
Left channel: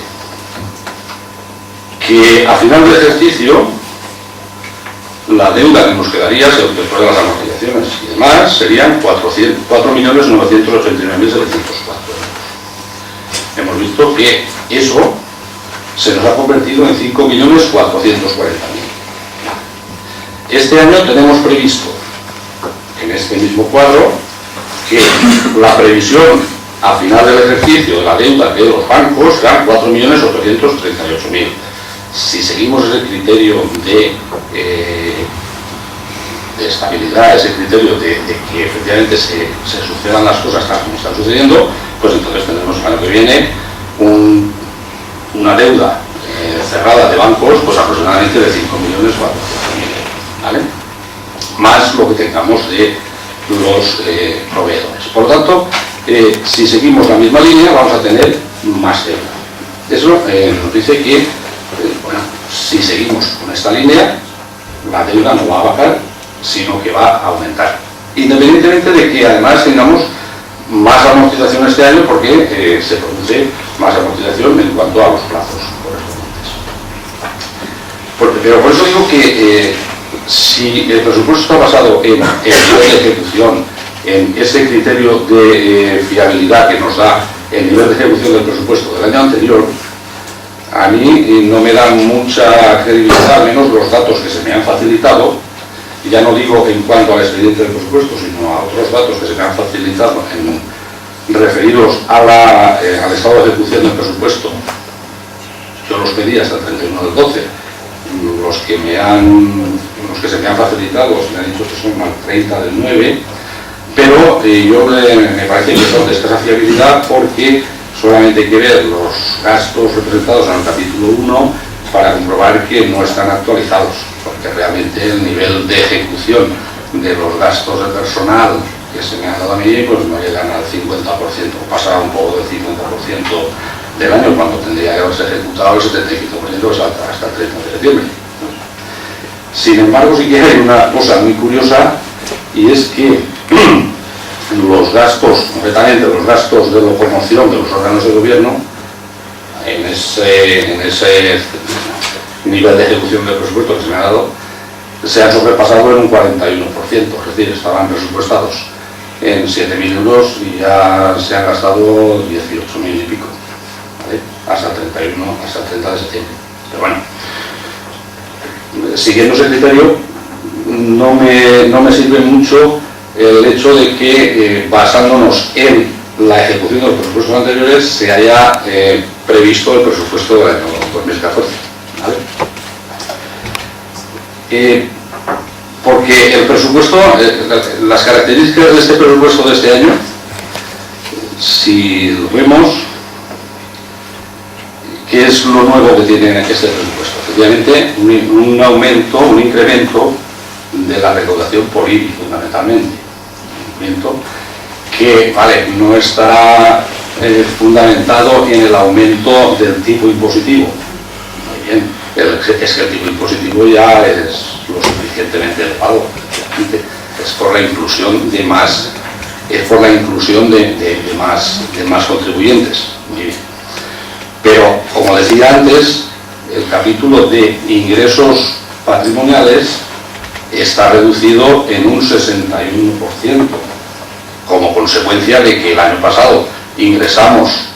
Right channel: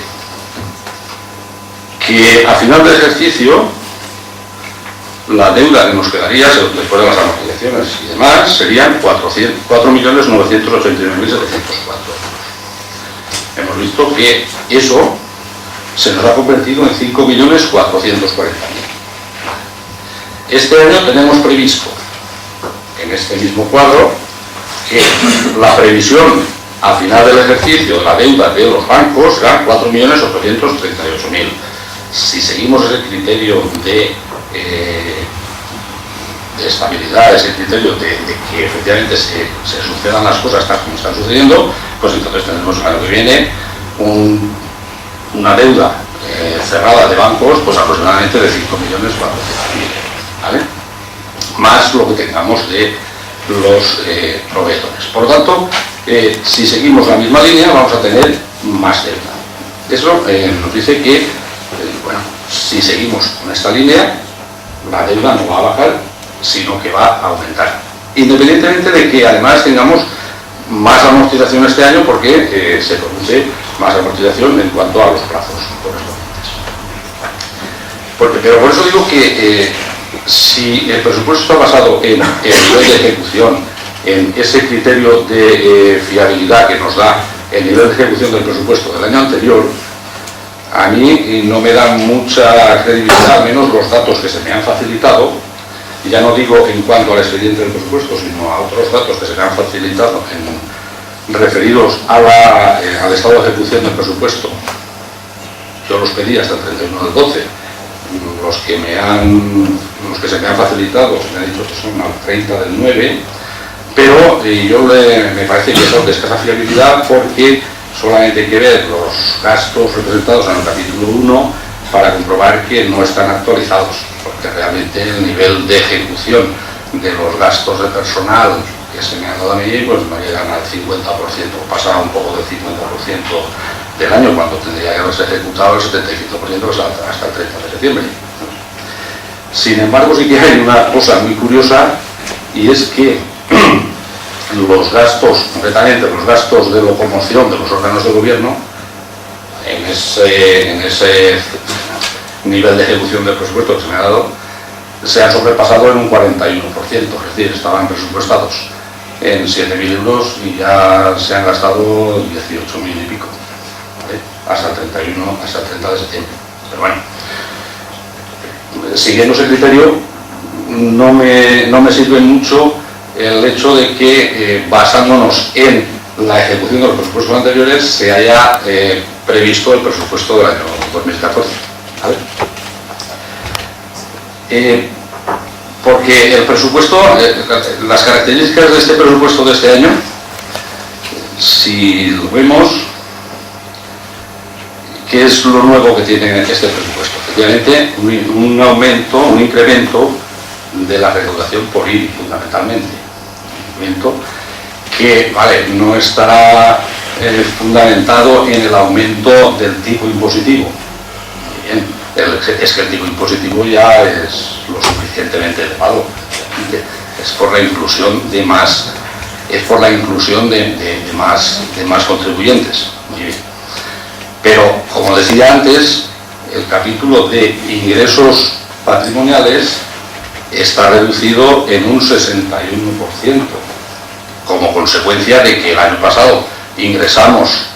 que a final del ejercicio la deuda que nos quedaría, después de las amortizaciones y demás, serían 4.989.704 euros. Hemos visto que eso se nos ha convertido en 5.440.000. Este año tenemos previsto, en este mismo cuadro, que la previsión a final del ejercicio de la deuda de los bancos será 4.838.000. Si seguimos ese criterio de estabilidad, ese criterio de que efectivamente se sucedan las cosas tal como están sucediendo, pues entonces tendremos el año que viene una deuda cerrada de bancos pues aproximadamente de 5.400.000 euros, ¿vale? Más lo que tengamos de los proveedores. Por lo tanto, si seguimos la misma línea vamos a tener más deuda. Eso nos dice que bueno, si seguimos con esta línea, la deuda no va a bajar, sino que va a aumentar. Independientemente de que además tengamos más amortización este año, porque se produce más amortización en cuanto a los plazos correspondientes. Pero por eso digo que si el presupuesto está basado en el nivel de ejecución, en ese criterio de fiabilidad que nos da el nivel de ejecución del presupuesto del año anterior, a mí no me dan mucha credibilidad, al menos los datos que se me han facilitado, y ya no digo en cuanto al expediente del presupuesto, sino a otros datos que se me han facilitado referidos al estado de ejecución del presupuesto. Yo los pedí hasta el 31 del 12, los que se me han facilitado se me han dicho que son al 30 del 9, pero me parece que son de escasa fiabilidad porque solamente hay que ver los gastos representados en el capítulo 1, para comprobar que no están actualizados, porque realmente el nivel de ejecución de los gastos de personal que se me han dado a mí pues no llegan al 50%, pasa un poco del 50% del año, cuando tendría que haberse ejecutado el 75% hasta el 30 de septiembre. Sin embargo, sí que hay una cosa muy curiosa, y es que los gastos, concretamente los gastos de locomoción de los órganos de gobierno, en ese nivel de ejecución del presupuesto que se me ha dado, se han sobrepasado en un 41%, es decir, estaban presupuestados en 7.000 euros y ya se han gastado 18.000 y pico, ¿vale? Hasta el 30 de septiembre. Pero bueno, siguiendo ese criterio, no me sirve mucho el hecho de que, basándonos en la ejecución de los presupuestos anteriores, se haya previsto el presupuesto del año 2014. ¿Vale? Porque el presupuesto, las características de este presupuesto de este año, si lo vemos, ¿qué es lo nuevo que tiene este presupuesto? Efectivamente, un aumento, un incremento de la recaudación por IBI, fundamentalmente. Un incremento que, vale, no estará fundamentado en el aumento del tipo impositivo. Muy bien, es que el tipo impositivo ya es lo suficientemente elevado, es por la inclusión de más, más contribuyentes. Muy bien. Pero, como decía antes, el capítulo de ingresos patrimoniales está reducido en un 61%, como consecuencia de que el año pasado ingresamos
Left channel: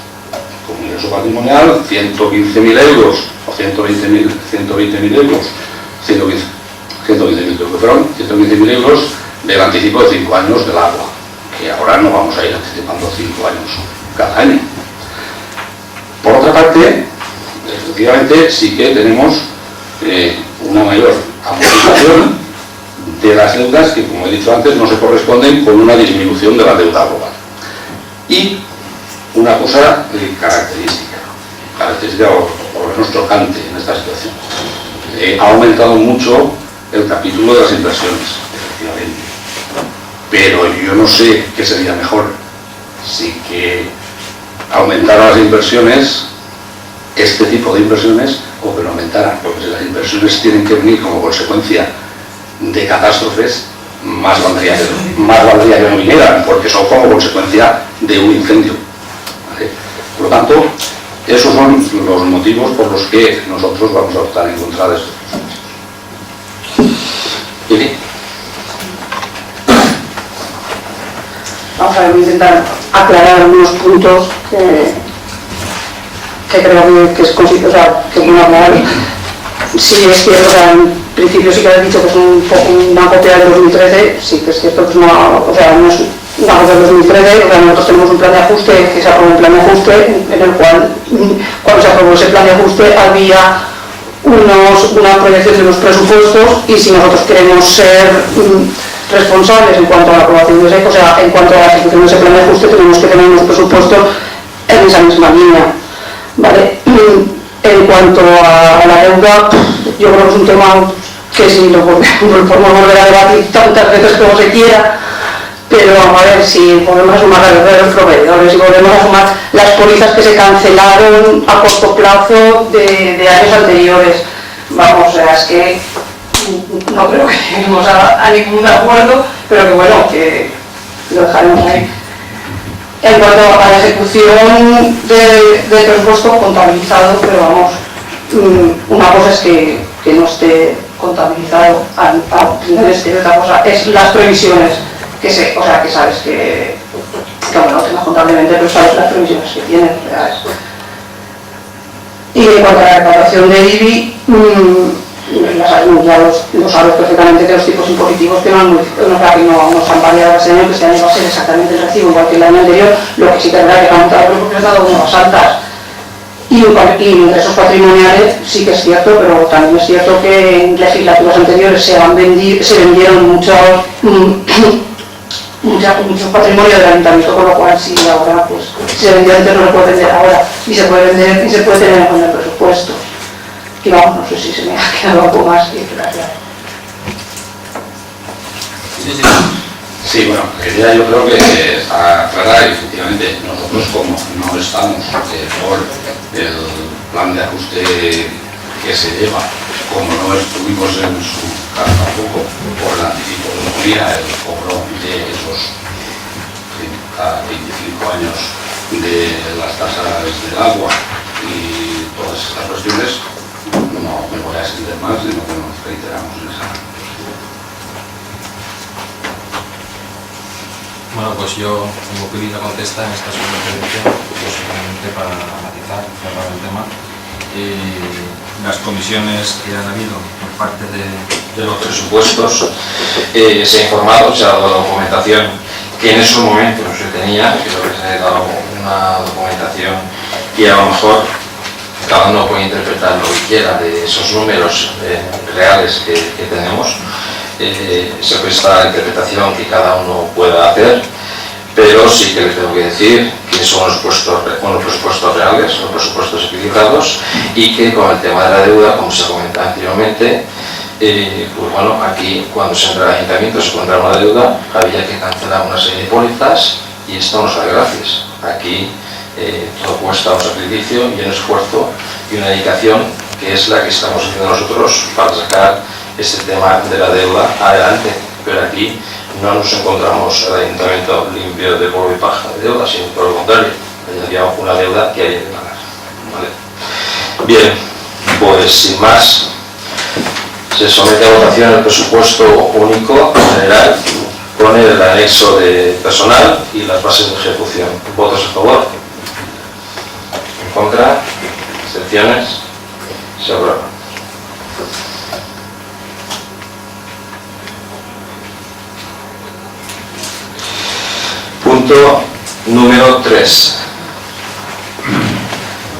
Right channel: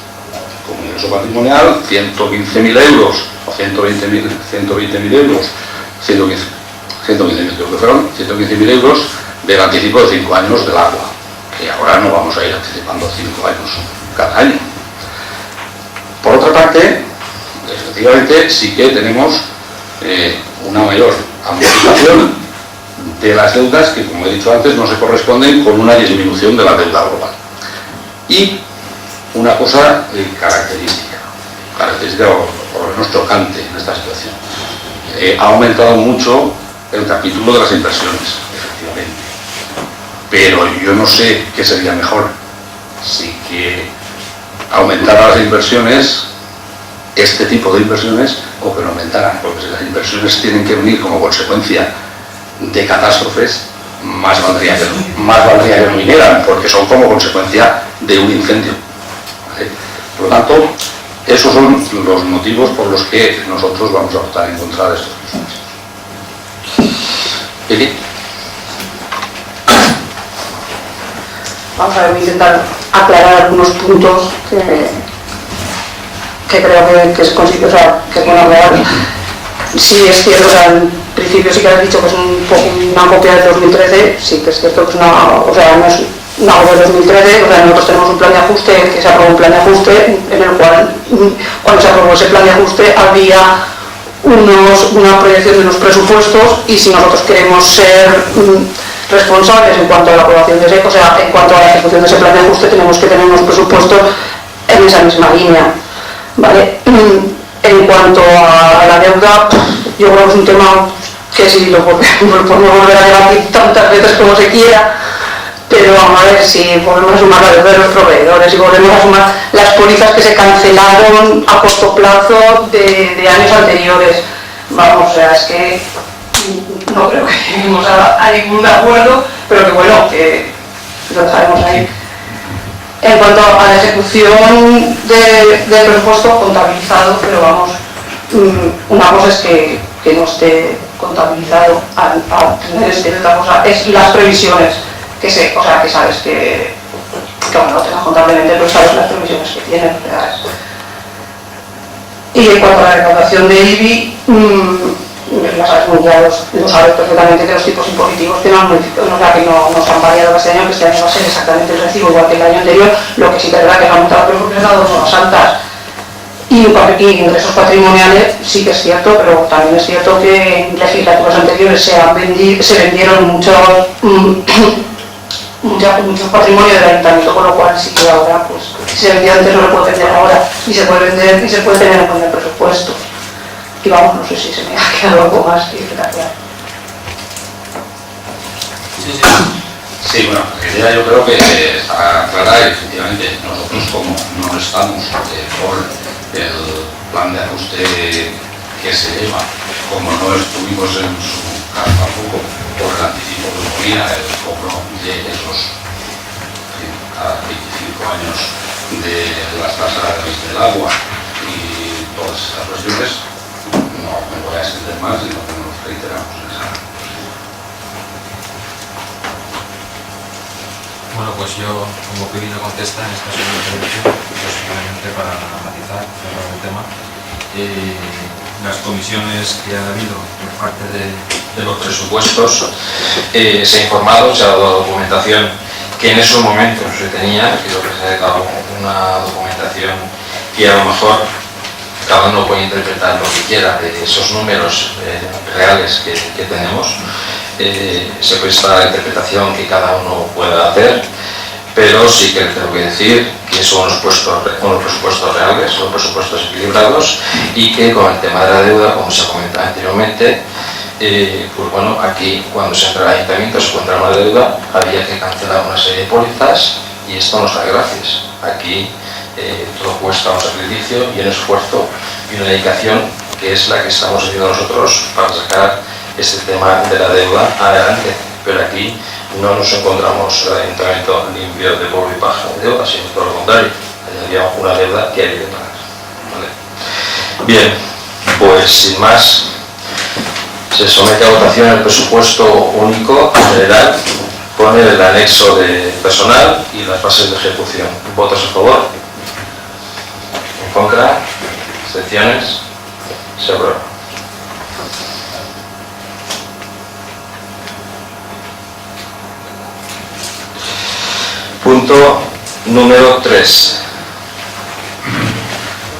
como ingreso patrimonial 115.000 euros o 120.000 euros, 115.000 creo que fueron, 115.000 euros del anticipo de 5 años del agua, que ahora no vamos a ir anticipando 5 años cada año. Por otra parte, efectivamente sí que tenemos una mayor amortización de las deudas que, como he dicho antes, no se corresponden con una disminución de la deuda global. Y una cosa característica o menos chocante en esta situación. Ha aumentado mucho el capítulo de las inversiones, efectivamente. Pero yo no sé qué sería mejor, si que aumentara las inversiones, este tipo de inversiones, o que no aumentaran, porque si las inversiones tienen que venir como consecuencia de catástrofes, más valdría que no vinieran, porque son como consecuencia de un incendio, ¿vale? Por lo tanto, esos son los motivos por los que nosotros vamos a votar en contra de estos presupuestos. ¿Eli? Vamos a ver, voy a intentar aclarar algunos puntos que creo que es consigo, o sea, que pueden aclarar. Sí, es cierto, o sea, en principio sí que has dicho que es una copia del 2013, sí que es cierto que es no es una copia del 2013, o sea, nosotros tenemos un plan de ajuste, que se aprobó un plan de ajuste, en el cual, cuando se aprobó ese plan de ajuste, había una proyección de los presupuestos, y si nosotros queremos ser responsables en cuanto a la aprobación de ese, o sea, en cuanto a la ejecución de ese plan de ajuste, tenemos que tener unos presupuestos en esa misma línea, ¿vale? En cuanto a la deuda, yo creo que es un tema que sí lo podemos volver a debatir tantas veces como se quiera, pero vamos a ver si volvemos a sumar la deuda de los proveedores y volvemos a sumar las pólizas que se cancelaron a corto plazo de años anteriores. Vamos, o sea, es que no creo que lleguemos a ningún acuerdo, pero que bueno, que lo dejaremos ahí. En cuanto a la ejecución del presupuesto contabilizado, pero vamos, una cosa es que no esté contabilizado, es que otra cosa es las previsiones, que sabes que aunque no tengas contablemente, pero sabes las previsiones que tienes reales. Y en cuanto a la recaudación de IBI, ya lo sabes perfectamente que los tipos impositivos que no se han variado este año, que este año va a ser exactamente el recibo igual que el año anterior, lo que sí que es verdad que han aumentado, pero porque han dado nuevas altas. Y ingresos patrimoniales sí que es cierto, pero también es cierto que en legislaturas anteriores se vendieron muchos patrimonios del ayuntamiento, con lo cual sí, ahora pues si se vendió antes no lo puede vender ahora, y se puede vender y se puede tener en cuenta el presupuesto. que vamos, no sé si se me ha quedado algo más que gracias. Sí, sí. Sí, bueno, la idea yo creo que aclarar, efectivamente, nosotros como no estamos por el plan de ajuste que se lleva, como no estuvimos en su casa tampoco por el anticipo que ponía el cobro de esos a 25 años de las tasas del agua y todas estas cuestiones, no me voy a extender más, sino que nos reiteramos en esa. Bueno, pues yo, como Pili no contesta en esta segunda intervención, pues simplemente para matizar, cerrar el tema. Las comisiones que ha habido por parte de los presupuestos, se ha informado, se ha dado documentación que en esos momentos se tenía, creo que se ha dado una documentación que a lo mejor cada uno puede interpretar lo que quiera de esos números reales que tenemos. Se presta interpretación que cada uno pueda hacer, pero sí que les tengo que decir que son unos presupuestos reales, son presupuestos equilibrados y que con el tema de la deuda, como se comentaba anteriormente, pues bueno, aquí cuando se entra al ayuntamiento se encuentra una deuda, había que cancelar una serie de pólizas y esto no sale gratis. Aquí todo cuesta un sacrificio y un esfuerzo y una dedicación que es la que estamos haciendo nosotros para sacar este tema de la deuda adelante, pero aquí no nos encontramos el ayuntamiento limpio de polvo y paja de deuda, sino por lo contrario, había una deuda que había que pagar. ¿Vale? Bien, pues sin más, se somete a votación el presupuesto único general con el anexo de personal y las bases de ejecución. ¿Votos a favor? ¿En contra? ¿Abstenciones? Se aprueba. Punto número 3.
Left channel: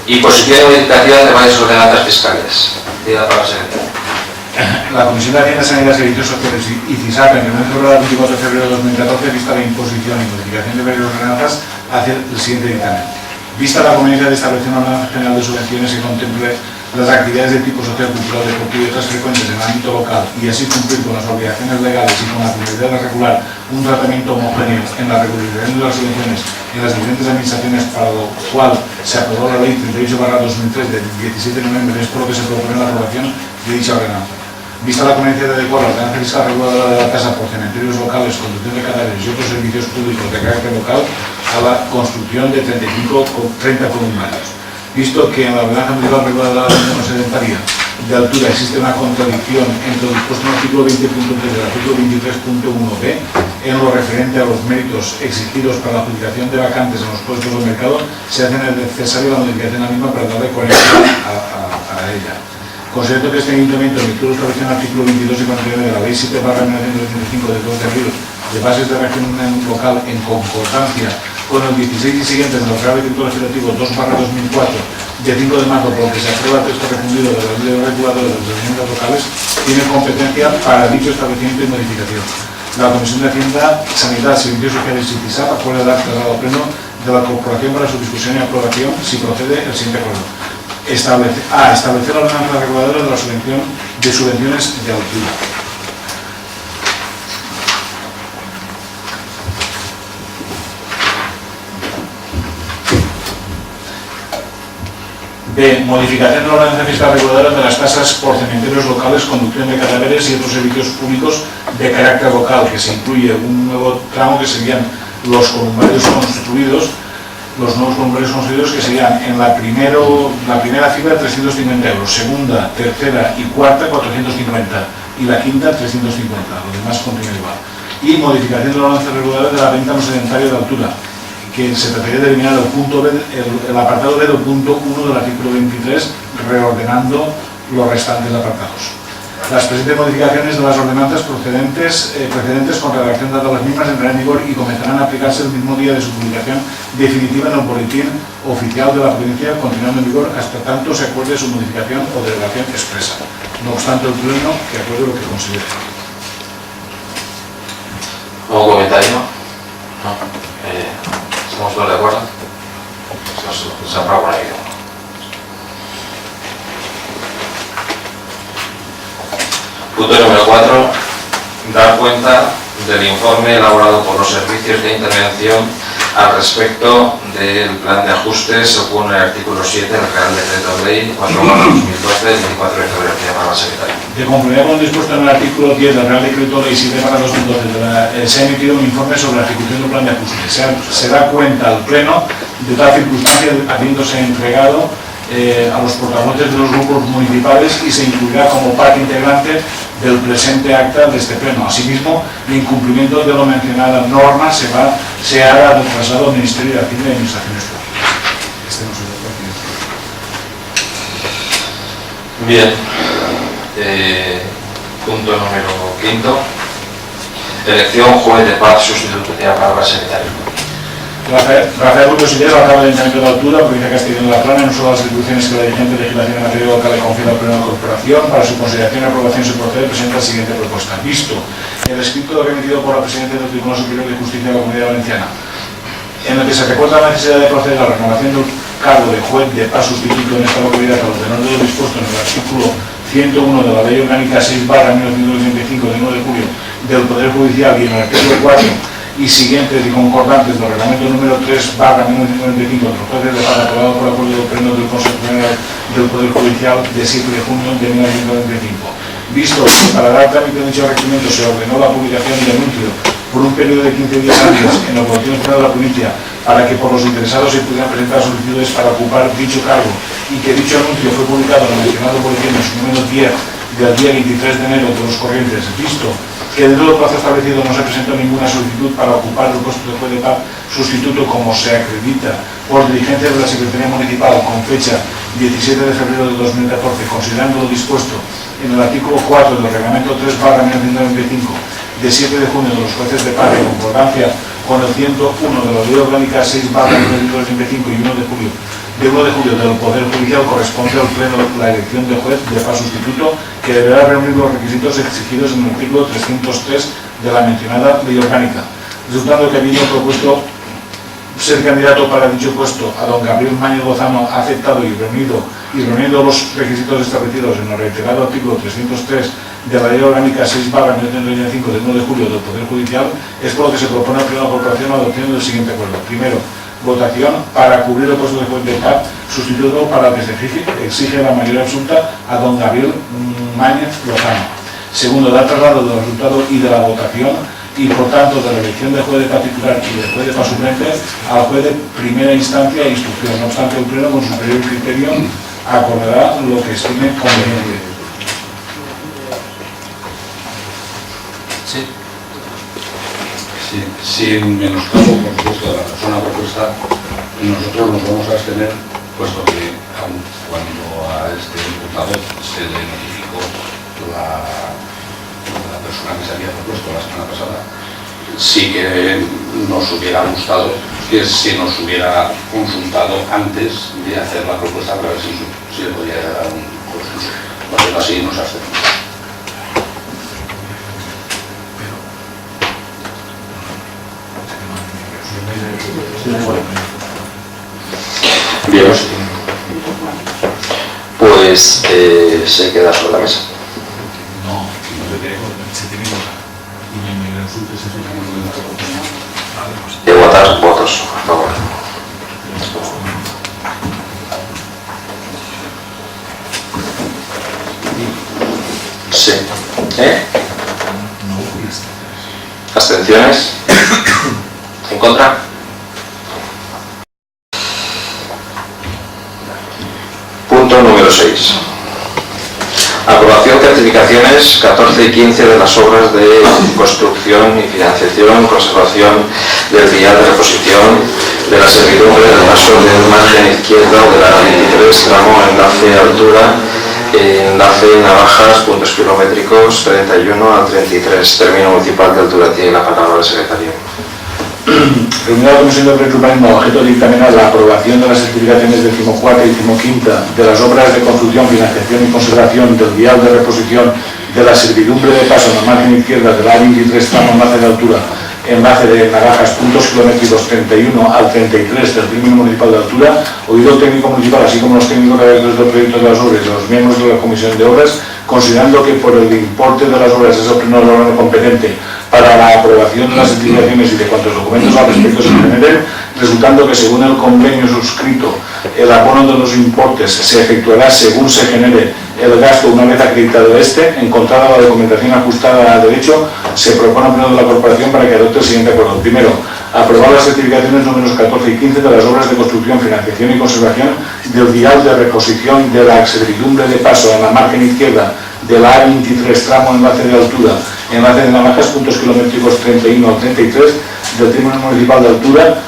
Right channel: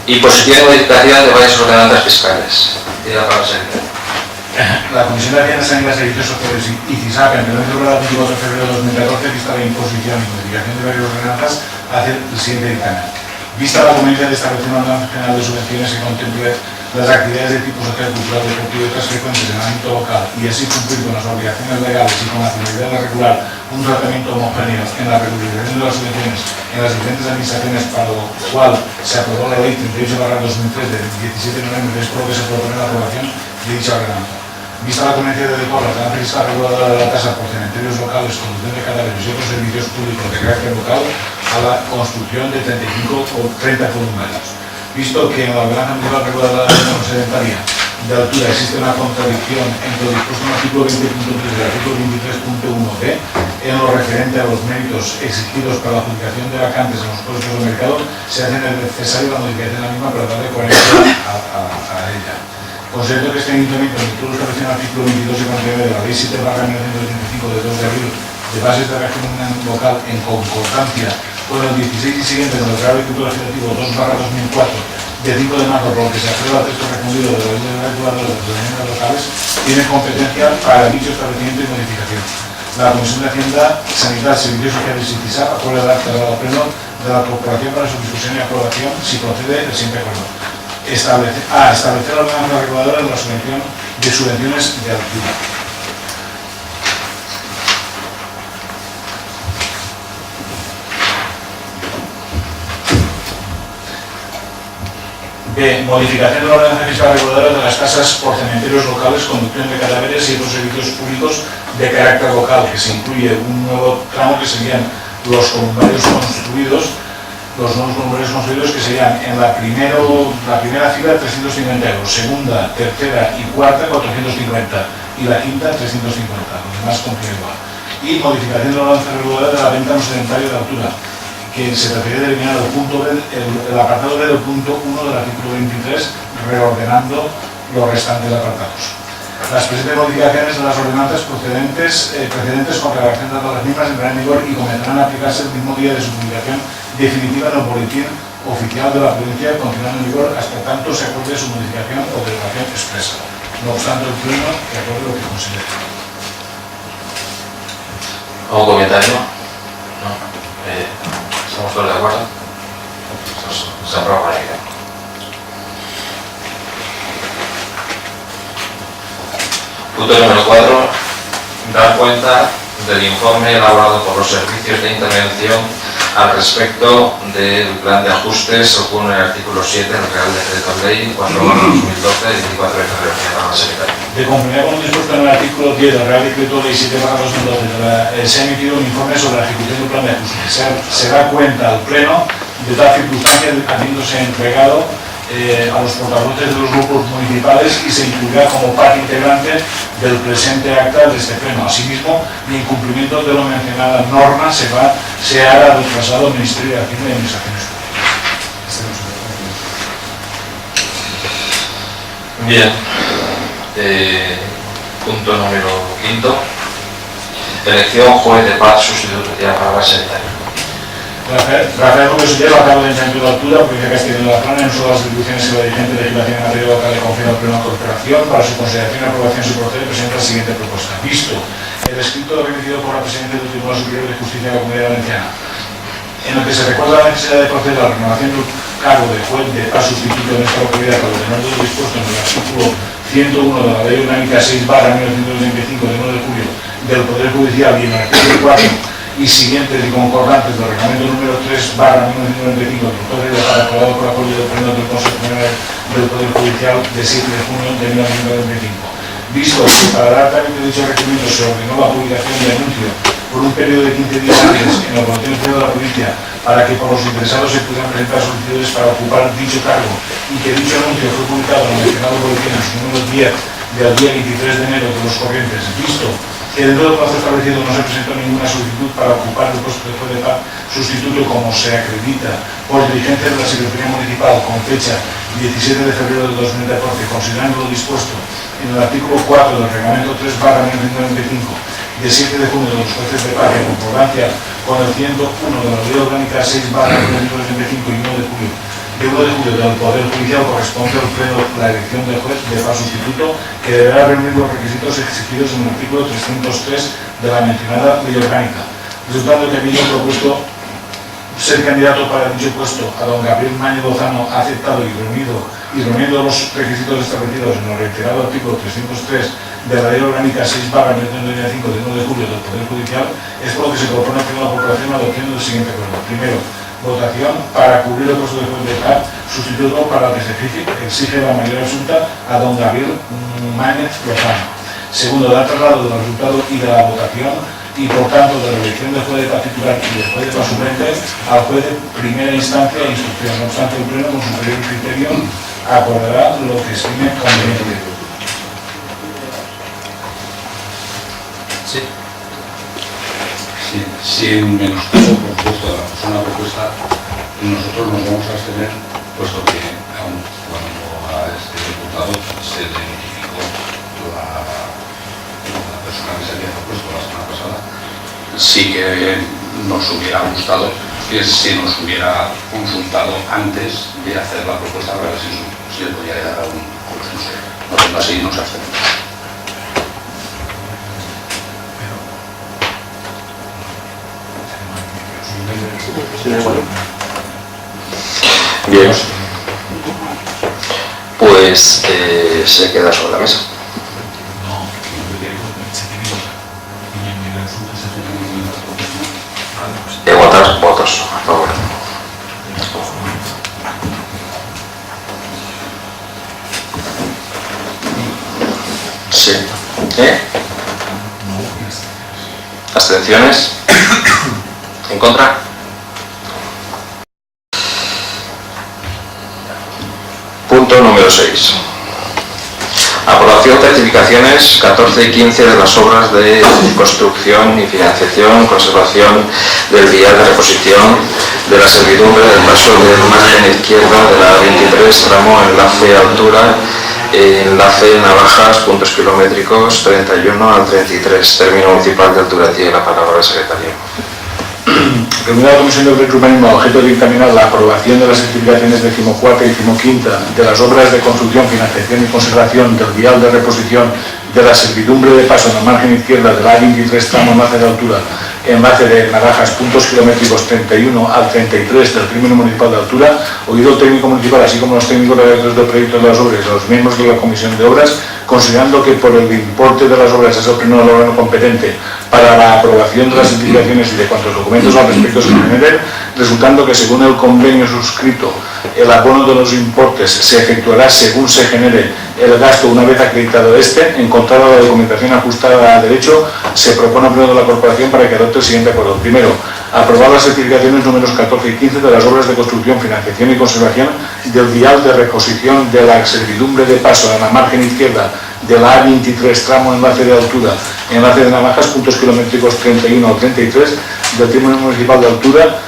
Imposición y modificación de varias ordenanzas fiscales. Diga para el secretario. La Comisión de Hacienda, Sanidad, Servicios Sociales y CISAC, en reunión celebrada el 24 de febrero de 2014, vista la imposición y modificación de varias ordenanzas, hace el siguiente dictamen. Vista la conveniencia de establecer una ordenanza general de subvenciones que contemple las actividades de tipo social, cultural, deportivo y otras frecuentes en el ámbito local y así cumplir con las obligaciones legales y con la finalidad de regular un tratamiento homogéneo en la regularización de las subvenciones en las diferentes administraciones, para lo cual se aprobó la Ley 38/2003 del 17 de noviembre, es por lo que se propone la aprobación de dicha ordenanza. Vista la conveniencia de adecuar la ordenanza fiscal reguladora de la tasa por cementerios locales, conducción de cadáveres y otros servicios públicos de carácter local a la construcción de 30 columnarios. Visto que en la ordenanza municipal reguladora de la sedentaria de altura existe una contradicción entre lo dispuesto en el artículo 20.3 y el artículo 23.1b en lo referente a los méritos exigidos para la adjudicación de vacantes en los puestos del mercado, se hace necesaria la modificación de la misma para darle coherencia a ella. Considero que este ayuntamiento, en virtud de lo establecido en el artículo 22 y 49 de la Ley 7/1985 de 2 de abril de bases de régimen local en concordancia con el 16 y siguiente del Real Decreto Legislativo 2/2004 de 5 de marzo, por lo que se aprueba el texto refundido de la Ley Reguladora de las Ordenanzas Locales, tiene competencia para dicho establecimiento y modificación. La Comisión de Hacienda, Sanidad, Servicios Sociales y CISAC aprueba el acta al pleno de la Corporación para su discusión y aprobación si procede el siguiente acuerdo. Establecer la ordenanza reguladora de la subvención de subvenciones de altura. B. Modificación de la ordenanza fiscal reguladora de las tasas por cementerios locales, conducción de cadáveres y otros servicios públicos de carácter local, que se incluye un nuevo tramo que serían los columbarios construidos. Los nuevos columbarios construidos, que serían en la primera fila 350 euros, segunda, tercera y cuarta 450 y la quinta 350, lo demás continúa igual. Y modificación de la ordenanza reguladora de la venta no sedentaria de altura, que se trataría de eliminar el apartado B del punto 1 del artículo 23, reordenando los restantes apartados. Las presentes modificaciones de las ordenanzas precedentes con redacción dada a las mismas entrarán en vigor y comenzarán a aplicarse el mismo día de su publicación definitiva en el boletín oficial de la provincia, continuando en vigor hasta tanto se acuerde su modificación o derogación expresa. No obstante, el Pleno que acuerde lo que considere. ¿Algún comentario? No. ¿Estamos todos de acuerdo? Se aprueba por ahí. Punto número 4. Dar cuenta del informe elaborado por los servicios de intervención al respecto del plan de ajustes según el artículo 7 del Real Decreto Ley 4/2012 de 24 de febrero. Señora secretaria. De conformidad con lo dispuesto en el artículo 10 del Real Decreto Ley 7/2012, se ha emitido un informe sobre la ejecución del plan de ajustes. Se da cuenta al Pleno de tal circunstancia habiéndose entregado a los portavoces de los grupos municipales y se incluirá como parte integrante del presente acta de este Pleno. Asimismo, en incumplimiento de lo mencionada norma, se hará el traslado al Ministerio de Hacienda y Administraciones Públicas. Este no se lo Bien. Punto número 5. Elección juez de paz sustituto de la palabra secretaria. Rafael López Ullés, alcalde del Ayuntamiento de Altura, provincia de Castellón de la Plana, en uso de las atribuciones que la dirigente legislación en materia local le confiere al Pleno de la Corporación, para su consideración y aprobación se procede, presenta la siguiente propuesta. Visto el escrito remitido por la Presidenta del Tribunal Superior de Justicia de la Comunidad Valenciana, en el que se recuerda la necesidad de proceder a la renovación del cargo de juez de paz sustituto en esta localidad a lo tenor de lo dispuesto en el artículo 101 de la Ley Orgánica 6/1995 de 1 de julio del Poder Judicial y en el artículo 4 y siguientes y concordantes del reglamento número 3/1995 del Poder de Paz aprobado por acuerdo del Pleno del Consejo General del Poder Judicial de 7 de junio de 1995. Visto que para dar trámite de dicho requerimiento se ordenó la publicación del anuncio por un periodo de 15 días antes en el Boletín Oficial de la Provincia para que por los interesados se pudieran presentar solicitudes para ocupar dicho cargo y que dicho anuncio fue publicado en el mencionado boletín en su número 10 del día 23 de enero de los corrientes, visto que dentro del plazo establecido no se presentó ninguna solicitud para ocupar el puesto de juez de paz sustituto como se acredita por diligencia de la Secretaría Municipal con fecha 17 de febrero de 2014, considerando lo dispuesto en el artículo 4 del reglamento 3/1995 de 7 de junio de los jueces de paz en concordancia con el 101 de la Ley Orgánica 6/1995 y 1 de julio del Poder Judicial, corresponde al Pleno la elección de juez de paz sustituto que deberá reunir los requisitos exigidos en el artículo 303 de la mencionada Ley Orgánica, resultando que habiendo propuesto ser candidato para dicho puesto a don Gabriel Mañez Lozano ha aceptado y reuniendo los requisitos establecidos en el reiterado artículo 303 de la Ley Orgánica 6/1995 del 1 de julio del Poder Judicial, es por lo que se propone al Pleno de la Corporación la adopción del siguiente acuerdo. Primero, votación para cubrir el puesto de juez de paz sustituto para el que se exige la mayoría absoluta a don Gabriel Mañez Lozano. Segundo, dar traslado del resultado y de la votación y por tanto de la elección de juez de paz titular y de juez de paz suplente al juez de primera instancia e instrucción. No obstante, el Pleno con superior criterio acordará lo que estime conveniente. Sí. Sí, sin menoscabo, por supuesto, de la persona propuesta, nosotros nos vamos a abstener, puesto que aun cuando a este diputado se le notificó la persona que se había propuesto la semana pasada, sí que nos hubiera gustado que se nos hubiera consultado antes de hacer la propuesta para ver si le podía dar un consenso. No siendo así, nos abstenemos. Bien, pues se queda sobre la mesa. Votar, votos, por favor. Sí. ¿Abstenciones? ¿En contra? Punto número 6. Aprobación de certificaciones 14 y 15 de las obras de construcción y financiación, conservación del vial de reposición de la servidumbre del paso del margen izquierdo de la 23, tramo enlace altura, enlace Navajas, puntos kilométricos 31 al 33, término municipal de altura. Tiene la palabra el secretario. Reunida la Comisión de Urbanismo, objeto de dictaminar la aprobación de las certificaciones 14ª y 15ª de las obras de construcción, financiación y conservación del vial de reposición de la servidumbre de paso en la margen izquierda de la 23 tramo enlace de altura enlace de Naranjas, puntos kilométricos 31 al 33 del término municipal de altura, oído el técnico municipal, así como los técnicos redactores del proyecto de las obras y los miembros de la comisión de obras, considerando que por el importe de las obras es el pleno del órgano competente para la aprobación de las certificaciones y de cuantos documentos al respecto se generen, resultando que según el convenio suscrito, el abono de los importes se efectuará según se genere el gasto una vez acreditado este, encontrada la documentación ajustada al derecho, se propone al pleno de la corporación para que adopte el siguiente acuerdo. Primero, aprobar las certificaciones números 14 y 15 de las obras de construcción, financiación y conservación del vial de reposición de la servidumbre de paso en la margen izquierda de la A23, tramo enlace de altura, enlace de Naranjas, puntos kilométricos 31 o 33 del término municipal de altura,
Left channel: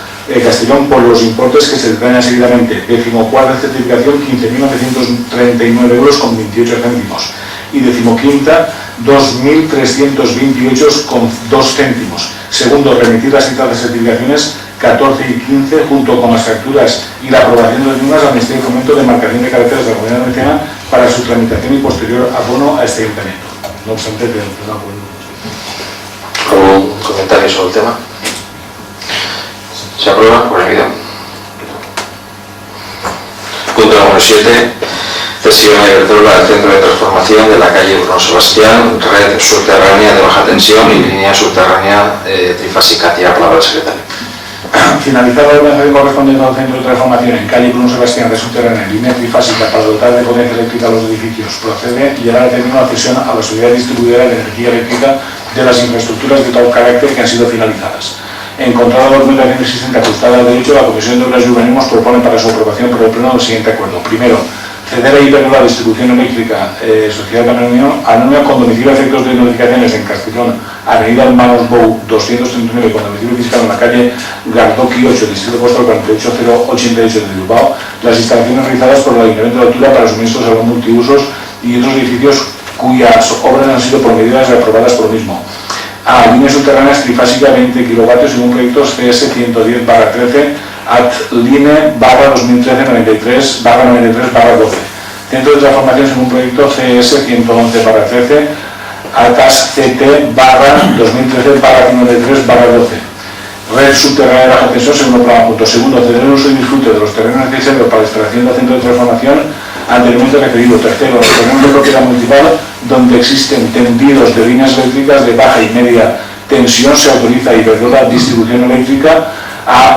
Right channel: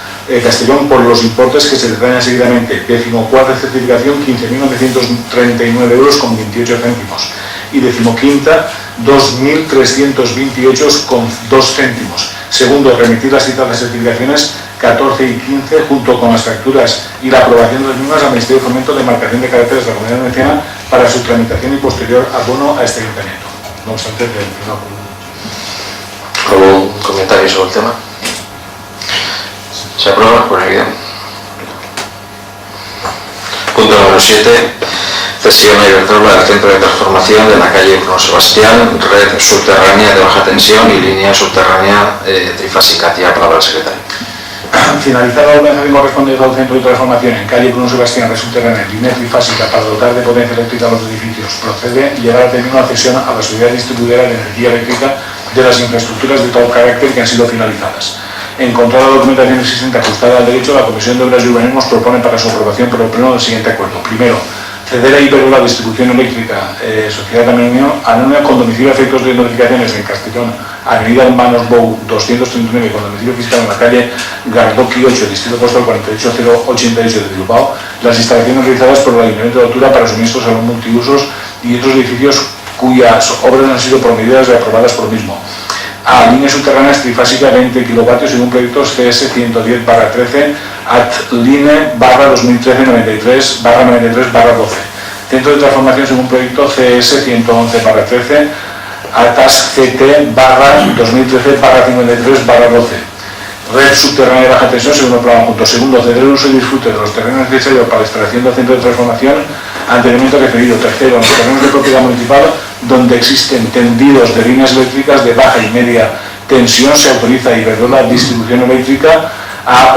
Castellón, por los importes que se detallan seguidamente. 14ª certificación, 15.939 euros con 28 céntimos. Y 15ª, 2.328 con 2 céntimos. Segundo, remitir las citadas certificaciones 14 y 15 junto con las facturas y la aprobación de las mismas al Ministerio de Fomento de Marcación de Carreteras de la Comunidad Valenciana para su tramitación y posterior abono a este ayuntamiento. No obstante, que no ¿Algún comentario sobre el tema? Se aprueba por evidencia. Punto número 7. Cesión a Iberdrola del centro de transformación de la calle Bruno Sebastián, red subterránea de baja tensión y línea subterránea trifásica. Tiene la palabra el secretario. Finalizada la organización correspondiente al centro de transformación en calle Bruno Sebastián, red subterránea en línea trifásica para dotar de potencia eléctrica a los edificios, procede llevar a término la cesión a la sociedad distribuidora de energía eléctrica de las infraestructuras de tal carácter que han sido finalizadas. Encontrada la documentación existente ajustada al derecho, la Comisión de Obras y Urbanismo propone para su aprobación por el Pleno del siguiente acuerdo. Primero, ceder a Iberdrola Distribución Eléctrica, Sociedad Anónima, con domicilio a efectos de notificaciones en Castellón, Avenida Hermanos Bou 239, con domicilio fiscal en la calle Gardoqui 8, Distrito Postal 48088 de Bilbao, las instalaciones realizadas por el Ayuntamiento de Altura para suministros a los multiusos y otros edificios cuyas obras han sido promedidas y aprobadas por el mismo. A líneas subterráneas trifásica 20 kilovatios según proyectos CS 110/13 at line /2013-93/12. Centro de transformación según proyecto CS 111/13 atas CT /2013-53/12. Red subterránea de baja tensión según el programa punto. Segundo, ceder el uso y disfrute de los terrenos necesarios para la instalación del centro de transformación anteriormente referido. Tercero, los terrenos de propiedad municipal donde existen tendidos de líneas eléctricas de baja y media tensión se autoriza a Iberdrola Distribución Eléctrica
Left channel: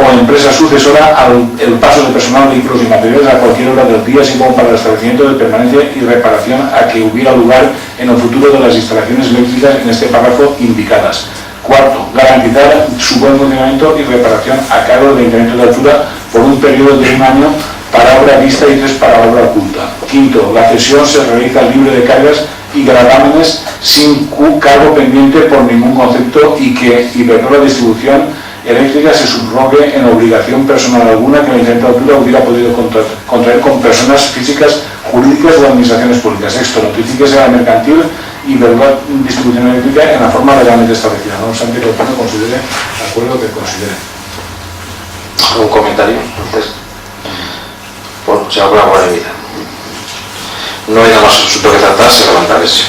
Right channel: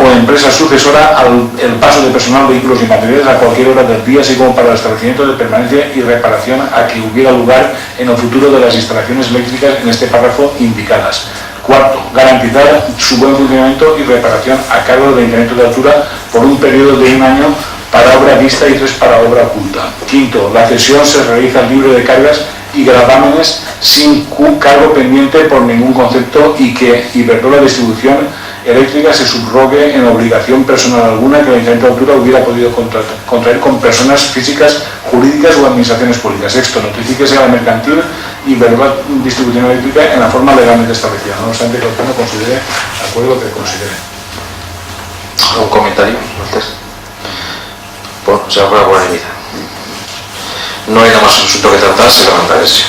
o empresa sucesora el paso de personal, vehículos y materiales a cualquier hora del día, así como para el establecimiento de permanencia y reparación a que hubiera lugar en el futuro de las instalaciones eléctricas en este párrafo indicadas. Cuarto, garantizar su buen funcionamiento y reparación a cargo del Ayuntamiento de Altura por un periodo de 1 año para obra vista y 3 para obra oculta. Quinto, la cesión se realiza libre de cargas y gravámenes sin cargo pendiente por ningún concepto y que Iberdrola Distribución Eléctrica se subrogue en obligación personal alguna que el Ayuntamiento de Altura hubiera podido contraer con personas físicas, jurídicas o administraciones públicas. Sexto, notifíquese a la mercantil Iberdrola Distribución Eléctrica en la forma legalmente establecida. No obstante, que el Pleno considere acuerdo que considere. ¿Algún comentario? Pues se aprueba por evidencia. No hay nada más asunto que tratar, se levanta ese.